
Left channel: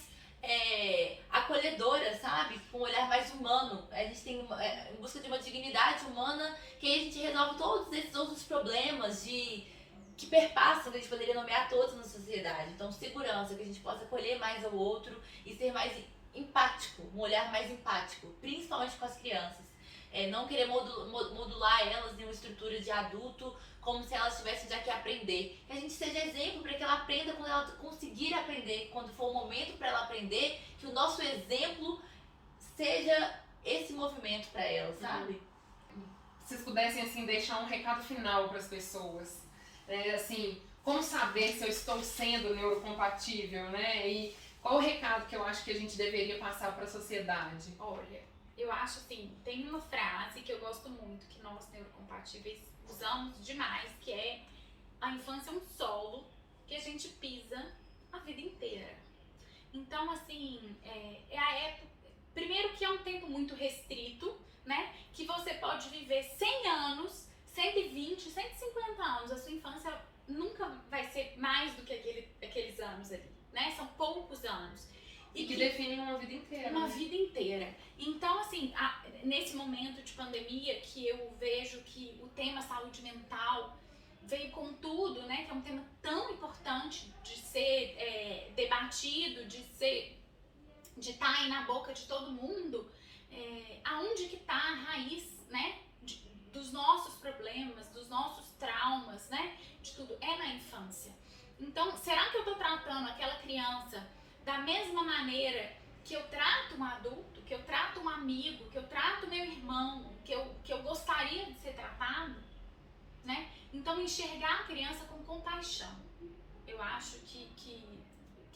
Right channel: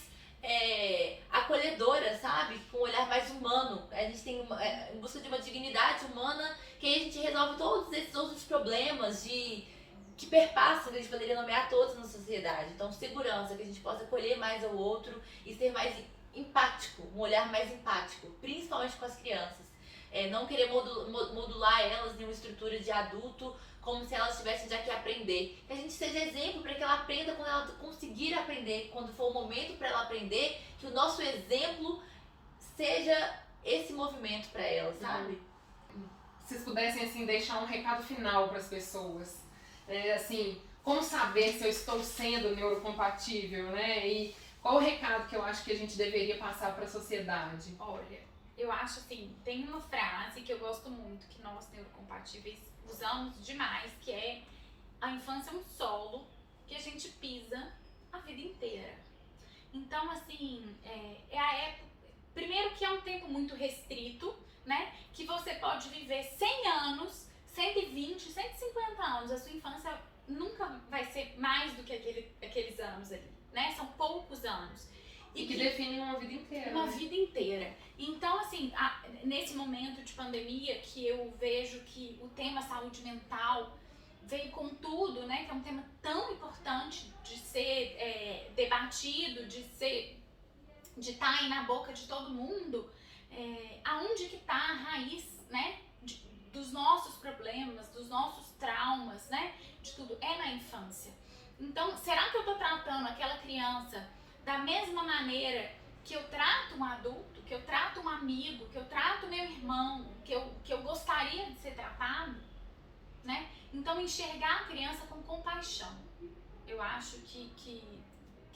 acolhedora, sabe? Com um olhar mais humano. A gente tem em busca de uma dignidade humana, que aí a gente resolve todos esses outros problemas que perpassam, que a gente poderia nomear todos na sociedade. Então, segurança, que a gente possa acolher mais ao outro e ser mais empático, um olhar mais empático, principalmente com as crianças. Não querer modular elas em uma estrutura de adulto, como se elas tivessem já que aprender. Que a gente seja exemplo para que ela aprenda quando ela conseguir aprender, quando for o momento para ela aprender, que o nosso exemplo seja esse movimento para ela, sabe? Se vocês pudessem, assim, deixar um recado final para as pessoas, assim, como saber se eu estou sendo neurocompatível, né? E qual o recado que eu acho que a gente deveria passar para a sociedade? Olha, eu acho assim, tem uma frase que eu gosto muito, que nós neurocompatíveis usamos demais, que é: a infância é um solo que a gente pisa a vida inteira. Então, assim, é a época, primeiro que é um tempo muito restrito, né? Que você pode viver 100 anos, 120, 150 anos. A sua infância nunca vai ser mais do que aqueles anos ali, né? São poucos anos. E que definem uma vida inteira. Uma né? vida inteira. Então, assim, nesse momento de pandemia que eu vejo que o tema saúde mental veio com tudo, né? Que é um tema tão importante de ser debatido, de estar aí na boca de todo mundo. Aonde que tá a raiz, né? Dos nossos problemas, dos nossos traumas, né? De tudo. É na infância. Então, será que eu tô tratando aquela criança da mesma maneira que eu trato um adulto, que eu trato um amigo, que eu trato meu irmão, que eu gostaria de ser tratado, né? Então, enxergar a criança com compaixão. Eu acho que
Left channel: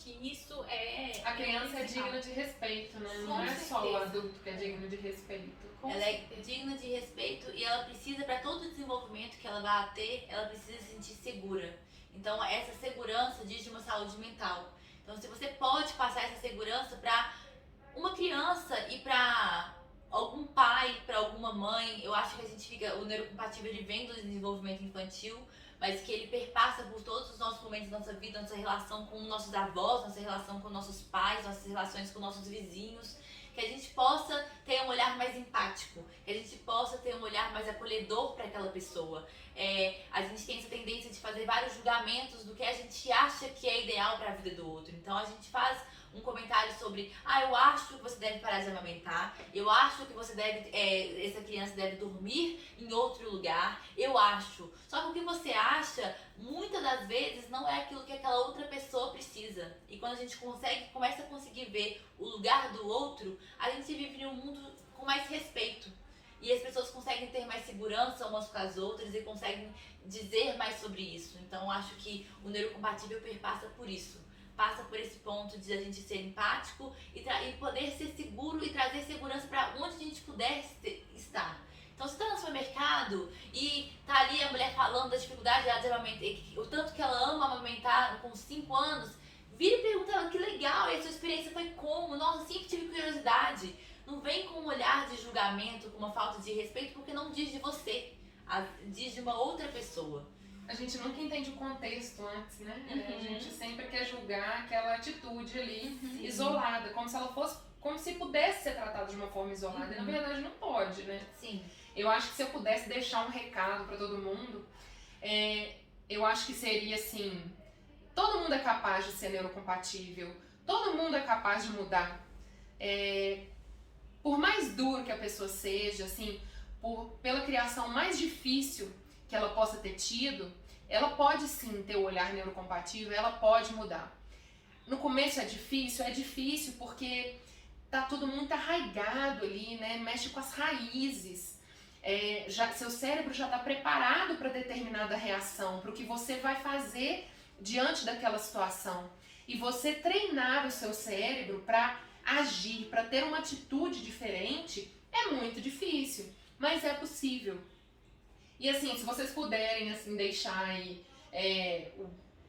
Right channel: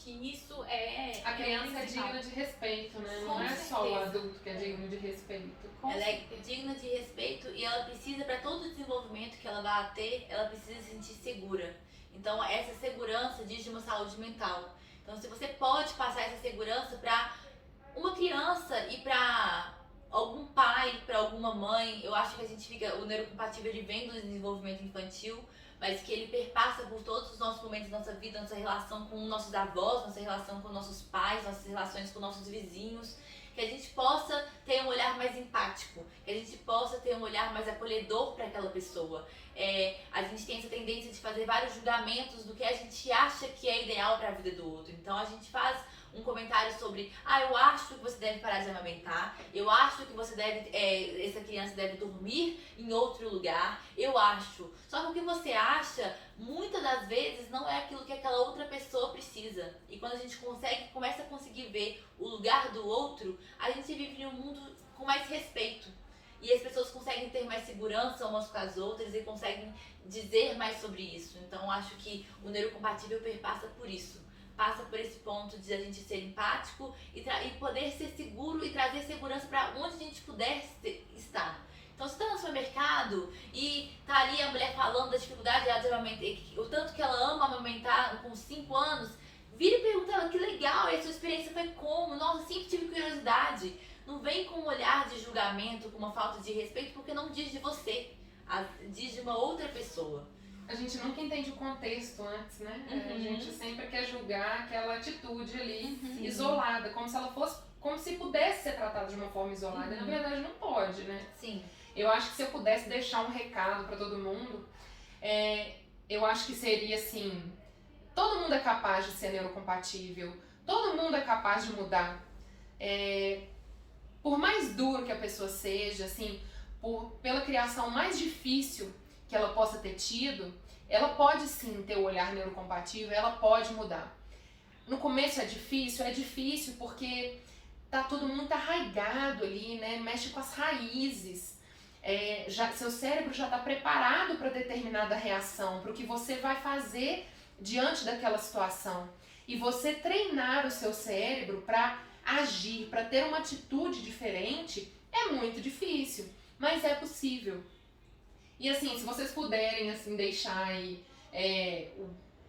isso é... A criança é principal. digna de respeito, né? Não Com é só o certeza. adulto que é digno de respeito. Com Ela é certeza. digna de respeito e ela precisa, para todo o desenvolvimento que ela vai ter, ela precisa se sentir segura. Então, essa segurança diz de uma saúde mental. Então, se você pode passar essa segurança para uma criança e para algum pai, para alguma mãe, eu acho que a gente fica, o neurocompatível ele vem do desenvolvimento infantil, mas que ele perpassa por todos os nossos momentos da nossa vida, nossa relação com nossos avós, nossa relação com nossos pais, nossas relações com nossos vizinhos. Que a gente possa ter um olhar mais empático, que a gente possa ter um olhar mais acolhedor para aquela pessoa. A gente tem essa tendência de fazer vários julgamentos do que a gente acha que é ideal para a vida do outro. Então a gente faz um comentário sobre, eu acho que você deve parar de amamentar, eu acho que você deve, essa criança deve dormir em outro lugar, eu acho. Só que o que você acha, muitas das vezes, não é aquilo que aquela outra pessoa precisa. E quando a gente começa a conseguir ver o lugar do outro, a gente vive em um mundo com mais respeito. E as pessoas conseguem ter mais segurança umas com as outras e conseguem dizer mais sobre isso. Então, acho que o neurocompatível perpassa por isso. Passa por esse ponto de a gente ser empático e poder ser seguro e trazer segurança para onde a gente puder estar. Então, se você está no supermercado e tá ali a mulher falando da dificuldade dela de amamentar, o tanto que ela ama amamentar com 5 anos, vira e pergunta ela, que legal, e a sua experiência foi como? Nossa, sempre tive curiosidade. Não vem com um olhar de julgamento, com uma falta de respeito, porque não diz de você, diz de uma outra pessoa. A gente nunca entende o contexto antes, né? A gente sempre quer julgar aquela atitude ali isolada, como se ela fosse, como se pudesse ser tratada de uma forma isolada. E na verdade não pode, né? Sim. Eu acho que se eu pudesse deixar um recado para todo mundo, eu acho que seria assim: todo mundo é capaz de ser neurocompatível, todo mundo é capaz de mudar. Por mais duro que a pessoa seja, assim, pela criação mais difícil que ela possa ter tido, ela pode sim ter o olhar neurocompatível, ela pode mudar. No começo é difícil porque tá tudo muito arraigado ali, né? Mexe com as raízes. Seu cérebro já está preparado para determinada reação, para o que você vai fazer diante daquela situação. E você treinar o seu cérebro para agir, para ter uma atitude diferente, é muito difícil, mas é possível. E assim, se vocês puderem assim, deixar aí,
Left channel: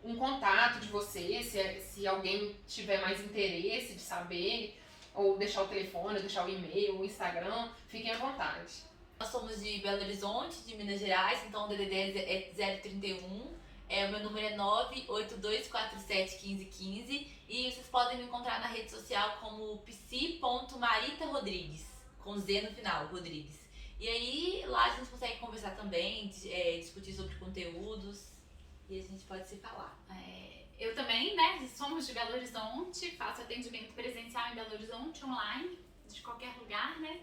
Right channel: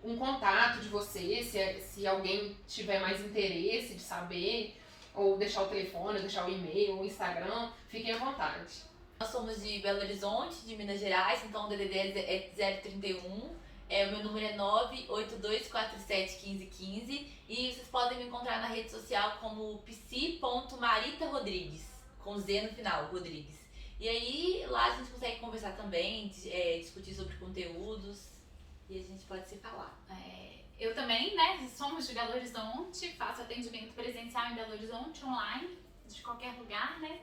um contato de vocês, se alguém tiver mais interesse de saber, ou deixar o telefone, ou deixar o e-mail, ou o Instagram, fiquem à vontade. Nós somos de Belo Horizonte, de Minas Gerais, então o DDD é 031, o meu número é 982471515 e vocês podem me encontrar na rede social como psi.maritarodrigues, com Z no final, Rodrigues. E aí, lá a gente consegue conversar também, discutir sobre conteúdos e a gente pode se falar. Eu também, né, somos de Belo Horizonte, faço atendimento presencial em Belo Horizonte, online, de qualquer lugar, né.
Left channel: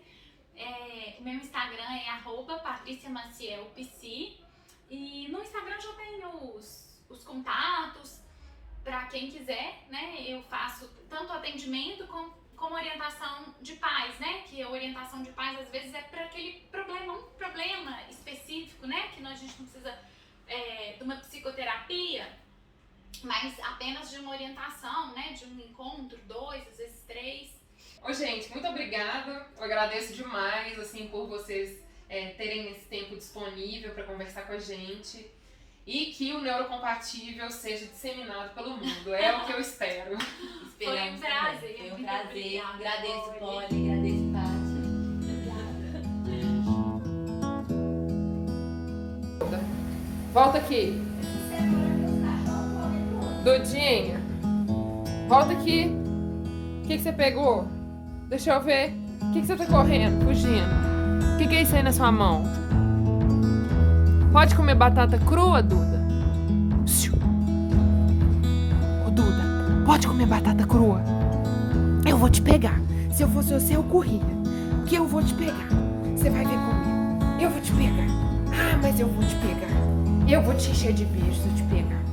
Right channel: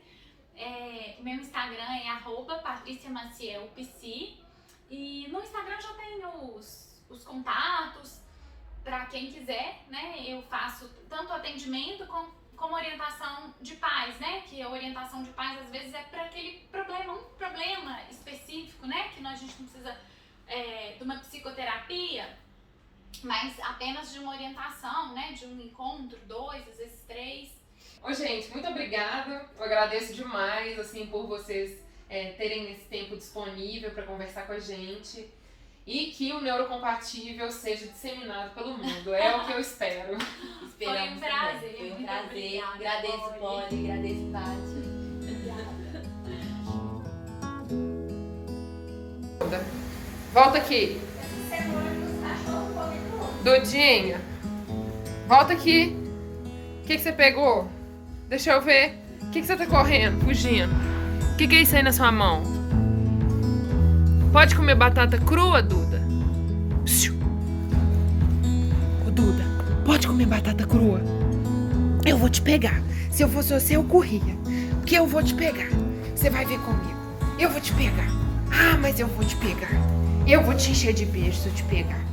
O meu Instagram é @patriciamacielpsi e no Instagram já tem os contatos para quem quiser, né, eu faço tanto atendimento como orientação de pais, né? Que a orientação de pais às vezes é para aquele problema, um problema específico, né? Que a gente não precisa de uma psicoterapia, mas apenas de uma orientação, né? De um encontro, 2, às vezes 3. Ô, gente, muito obrigada. Eu agradeço demais, assim, por vocês terem esse tempo disponível para conversar com a gente. E que o neurocompatível seja disseminado pelo mundo. É o que eu espero. Foi um prazer. Foi um muito prazer. obrigada, Agradeço, Polly. Polly. Agradeço, Tati. Volta aqui. Doidinha. Volta aqui. O que você pegou? Deixa eu ver. O que você tá correndo, fugindo? O que é isso aí na sua mão? Pode comer batata crua, Duda? Ô, Duda, pode comer batata crua? Eu vou te pegar. Se eu fosse você, eu corria. Porque eu vou te pegar. Você vai vir comigo. Eu vou te pegar. Ah, mas eu vou te pegar. Eu vou te encher de beijo se eu te pegar.